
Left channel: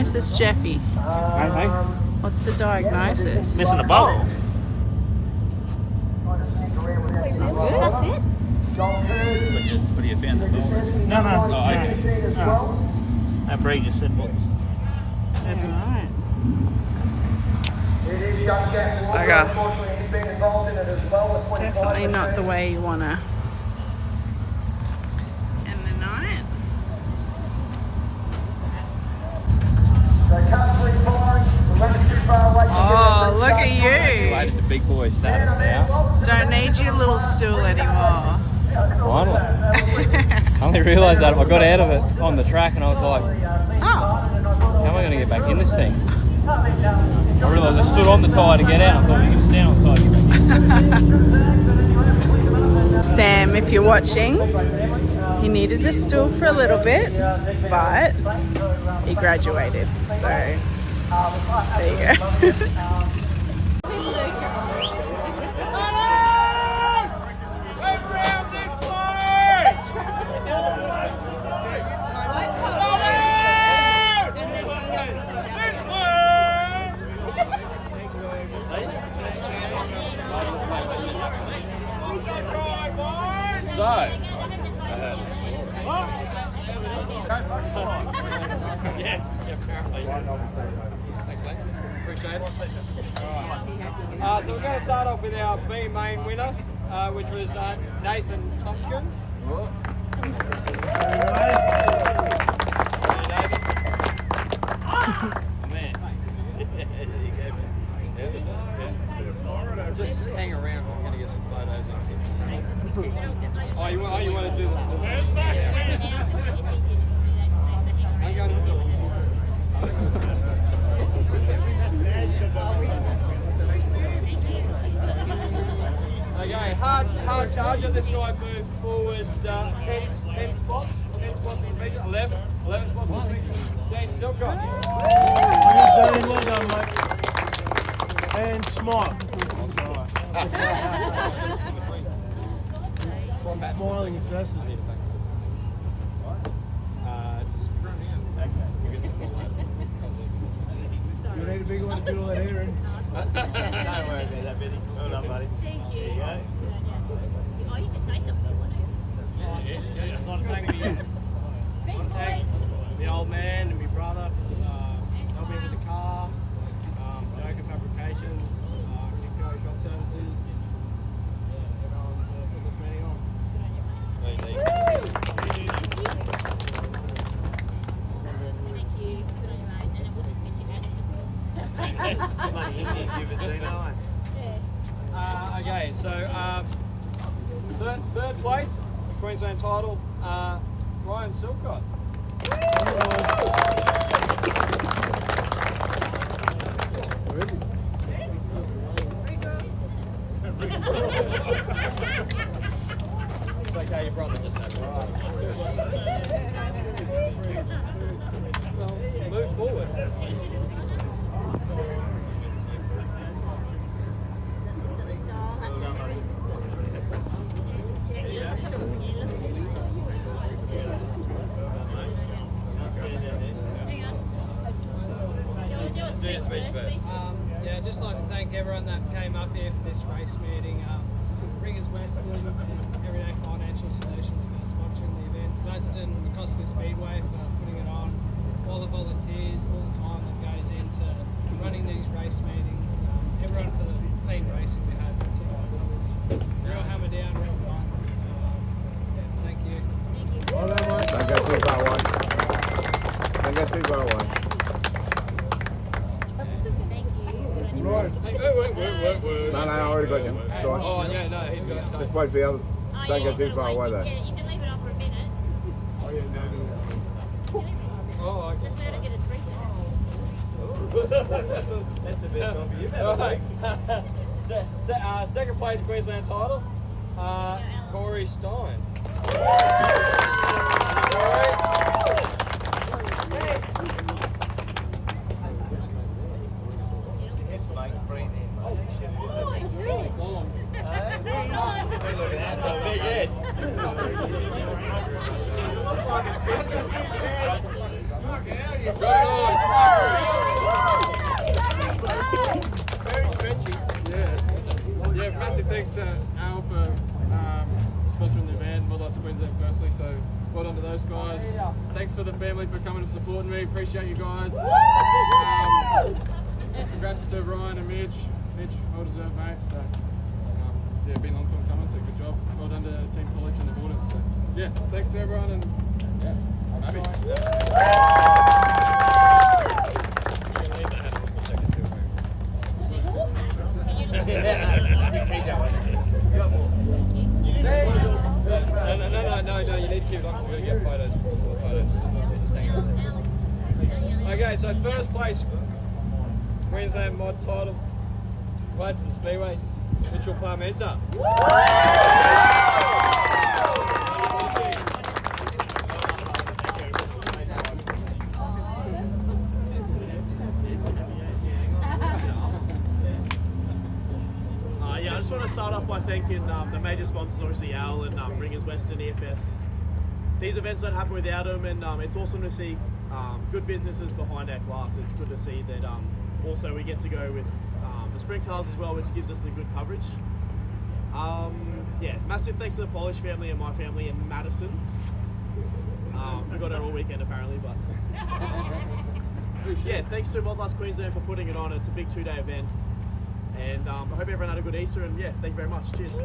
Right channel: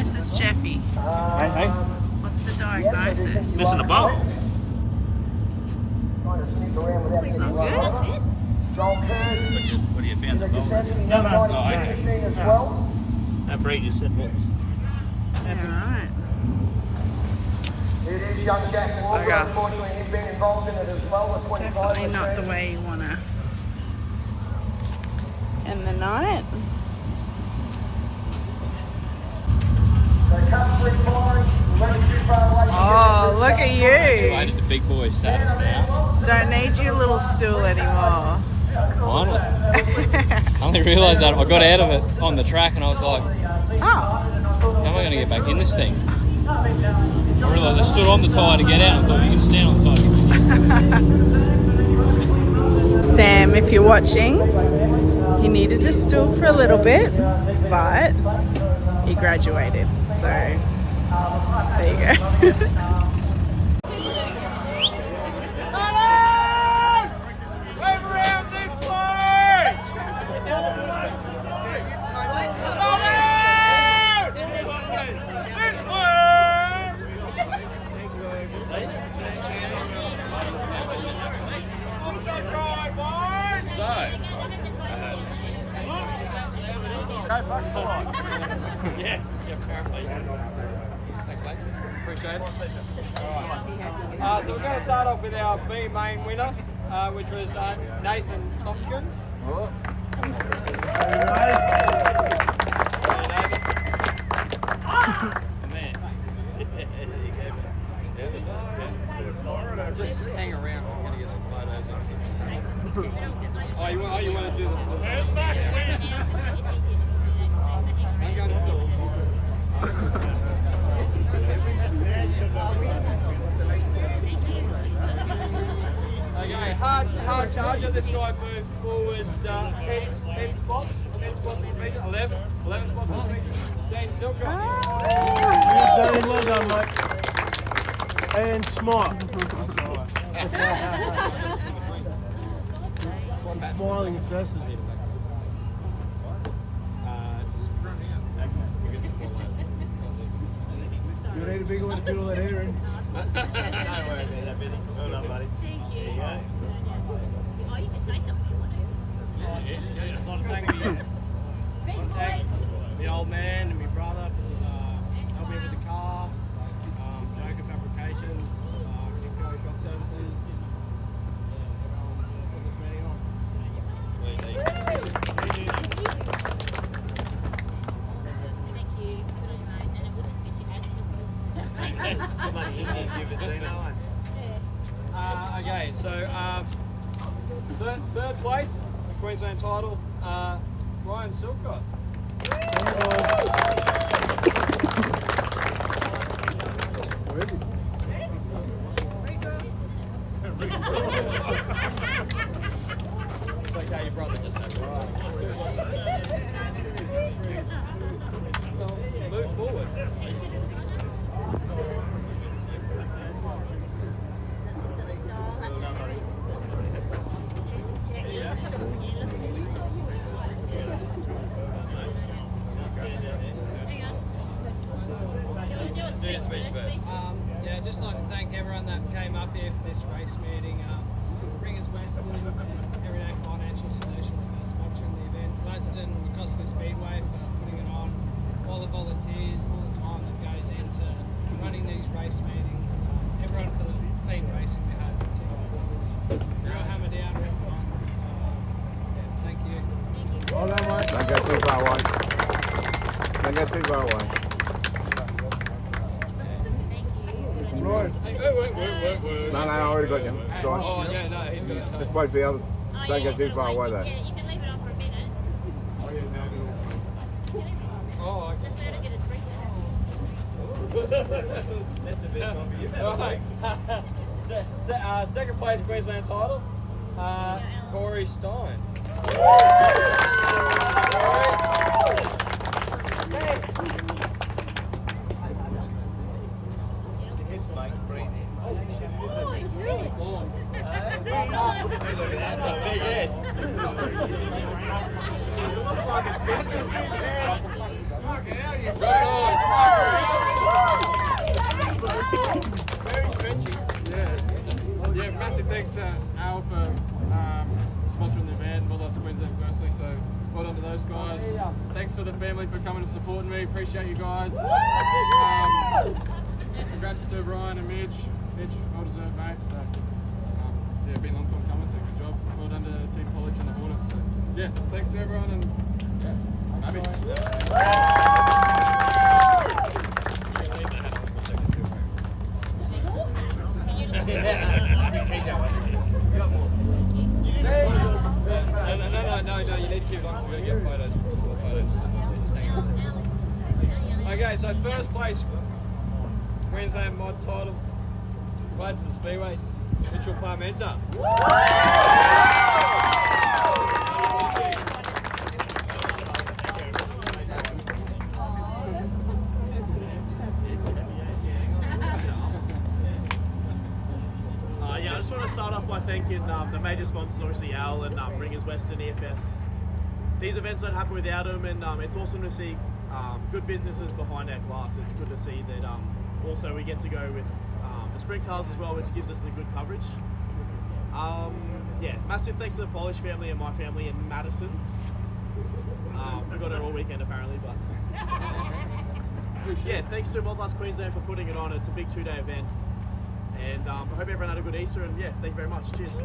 diagnosis, Jeffy? Hey. What's the diagnosis? Missing a bolt. It's not good. That's it? What do you found the bolt? No. Oh, okay. No. That Bree just said what? Alright. Bugger. Definitely not the way you want to end the night. Oh, look at you. Related to big boy status now. Don't need your little stool anymore. Finally. I only realised that I got out of it on the track and I was like, Oh. how am I going to get back in this thing? I realised I stood on the tyre to get out. I thought you could stand on the tyre to get back in. Sam, if you're watching, he needed a stool for a little bit, but he graduated. So there you go. Yeah, apparently. Thanks, mate. Appreciate it. So we're going to start off with our B main winner, which was Nathan Tomkins. Just hang around. I'm going to get some photos of you. Oh, you want to do the... I'm going to do Okay, hard charger. This guy moved forward 10 spots. 10 spots in the feature. 11 spots in the feature. Dean Silcott. Well done, mate. And smile. Smiling incessantly. You need a bigger one to put all that hair in. Don't worry about that, Billy. Well done, buddy. Thank you. There you go. Oh, you can say something if you want to. Yeah, just want to thank the old man and my brother for helping me with the car, Joker Fabrications, Afco Shop Services, everyone put this meeting on. Thank you. Good on you, mate. And then we'll just pitch you out. Okay, so third place, the Queensland title, Ryan Silcott. It's okay, your brother just had Well, move forward. Yeah, just like to thank everyone that came up here for this race meeting. Ringers Western and Everyday Financial Solutions for sponsoring the event. Gladstone McCosker Speedway for putting it on. All the volunteers, all the time that goes into running these race meetings. Everyone for the clean racing we had tonight. It was real hammer down, real fun. Yeah, thank you. Well done, mate. Don't go too far away. Don't go too far away. Right. Wait. No, I already got you. It's all right. Oh, yeah, no, he's got it. Just wait for the other. Don't go too far away though. Yeah, you can leave it on for a minute. Oh, okay. Just let her get a drink. That's a bit coffee. All right. Second place Queensland title, Corey Stein. That's a big head. Got it on. massive thanks to Al for sponsoring the event, Modlite Queensland firstly, so well done to those guys. Thanks for the family for coming and supporting me, appreciate you guys. Congrats to Ryan and Mitch, well deserved mate. So, yeah, been a long time coming, so good job. Well done to Team College and the Hornets. So, yeah, thanks to everyone and yeah, I'm happy. No, you need to keep it on. We're going to get photos. Okay, so first place, Queensland Mod title, Gladstone Speedway, Mitchell Parmenter. I just want to start off by thanking the major sponsors, obviously Al and Ringers Western EFS. These events don't happen without them, and it's awesome to see good businesses behind our glass. It's good to see that also we get to go with the sprint cars as well, which gives us the good coverage. Yeah, massive thanks to the Polish family and my family in Madison. Forgot it all weekend apparently, but yeah, thanks to Modlite Queensland for putting it on. It's a big 2-day event. And I hope everyone had a good Easter, and yeah, thank you very much. Cheers. On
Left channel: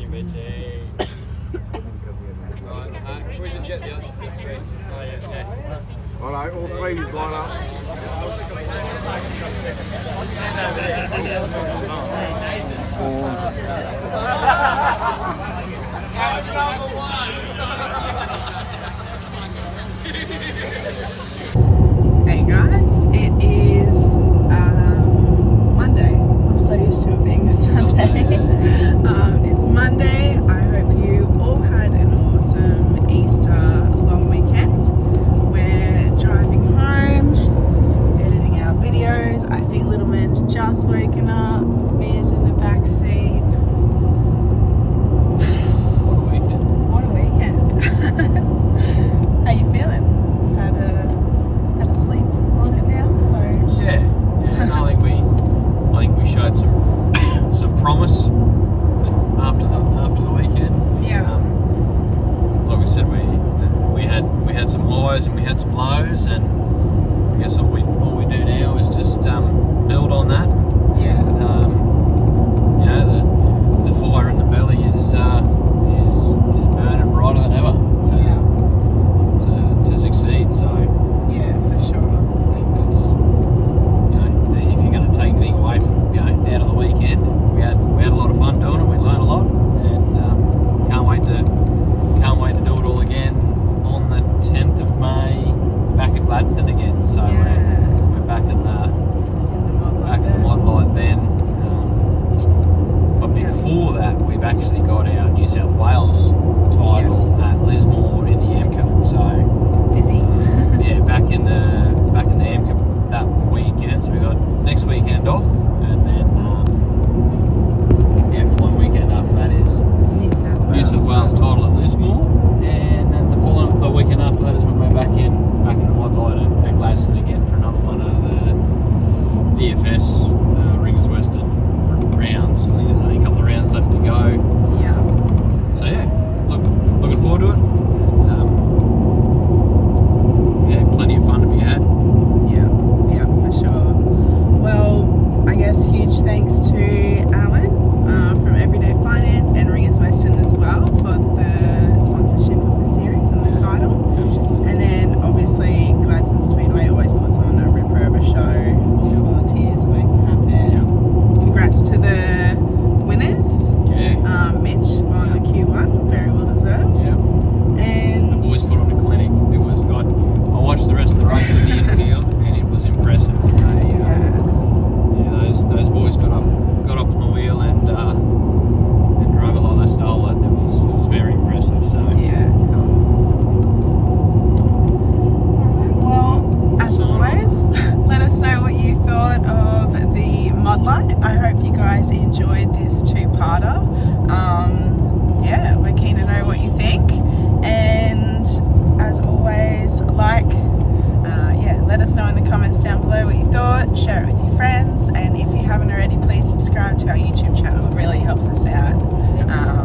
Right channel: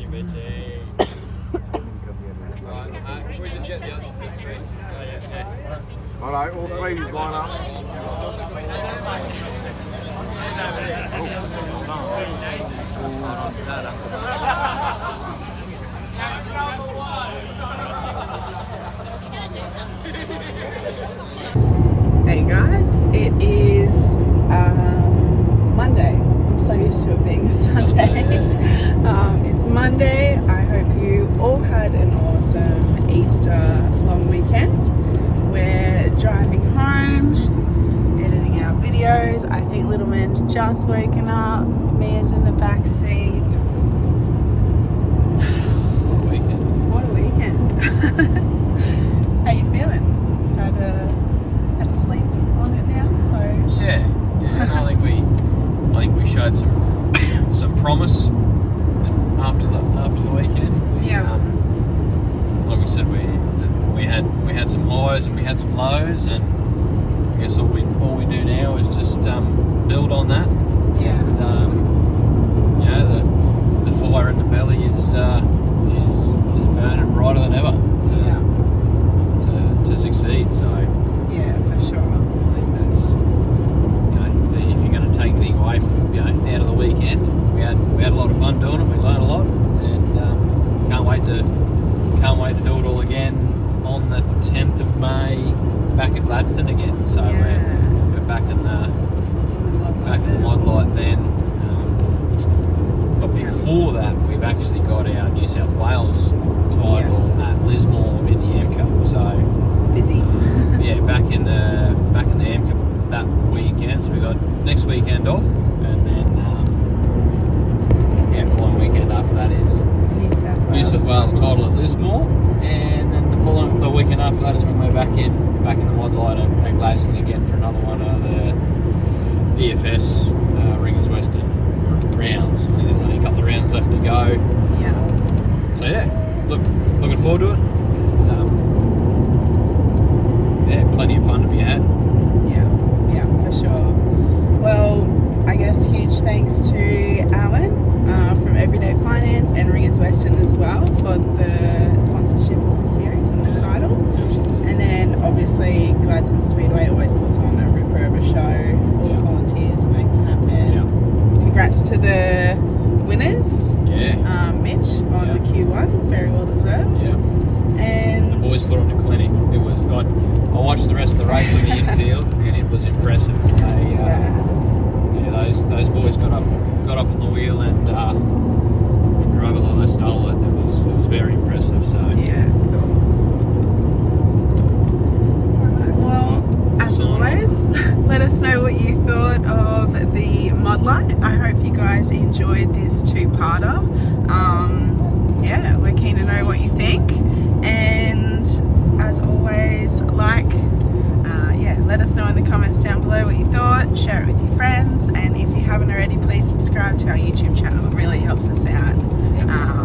your bitch, Right, we just get the other three. Oh, yeah. Alright, all three is line up. Hey guys, it is Monday. I'm so used to it being a Sunday. It's Monday. I hope you all had an awesome Easter long weekend. We're driving home, editing our videos. I think little man's just woken up. Mia's in the back seat. What a weekend. How you feeling? Had a sleep on it now, so Yeah. I think we showed some promise after the weekend. yeah. Like we said, we had some highs and we had some lows, and I guess all we do now is just build on that. Yeah. You know, the fire in the belly is burning brighter than ever to succeed. So Yeah, for sure. I think that's, you know, if you're going to take anything away from, you know, out of the weekend, we had a lot of fun doing it. We learned a lot, and can't wait to do it all again on the 10th of May back at Gladstone again. So we're back in the Modlite then. But before that, we've actually got our New South Wales title at Lismore in the MCO. So Busy. yeah, back in the MCO that weekend. So we got next weekend off, and then following weekend after that is New South Wales title at Lismore, and then the weekend after that is when we're back in the Modlite at Gladstone again for another one of the EFS Ringers Western rounds. I think there's only a couple of rounds left to go. Yeah. So yeah, looking forward to it. Plenty of fun to be had. Yeah, for sure. Well, I guess huge thanks to Alan from Everyday Finance and Ringers Western as well for the sponsorship of the series and the title. And then obviously Gladstone Speedway always puts on a ripper of a show. All volunteers make it happen. Congrats to the winners. Yeah. Mitch on the Q1, very well deserved. Yeah. And The boys put on a clinic. It was good. I watched the rest of the race from the infield, and it was impressive. Those boys got up on the wheel and drove it like they stole it. It was very impressive. So yeah. Alright, well, as always, let us know what you thought of the Modlite. I hope you guys enjoyed this two-parter. yeah, we're keen to know what you think. And as always, let us know in the comments down below what you thought. Share it with your friends, and if you haven't already, please subscribe to our YouTube channel. It really helps us out.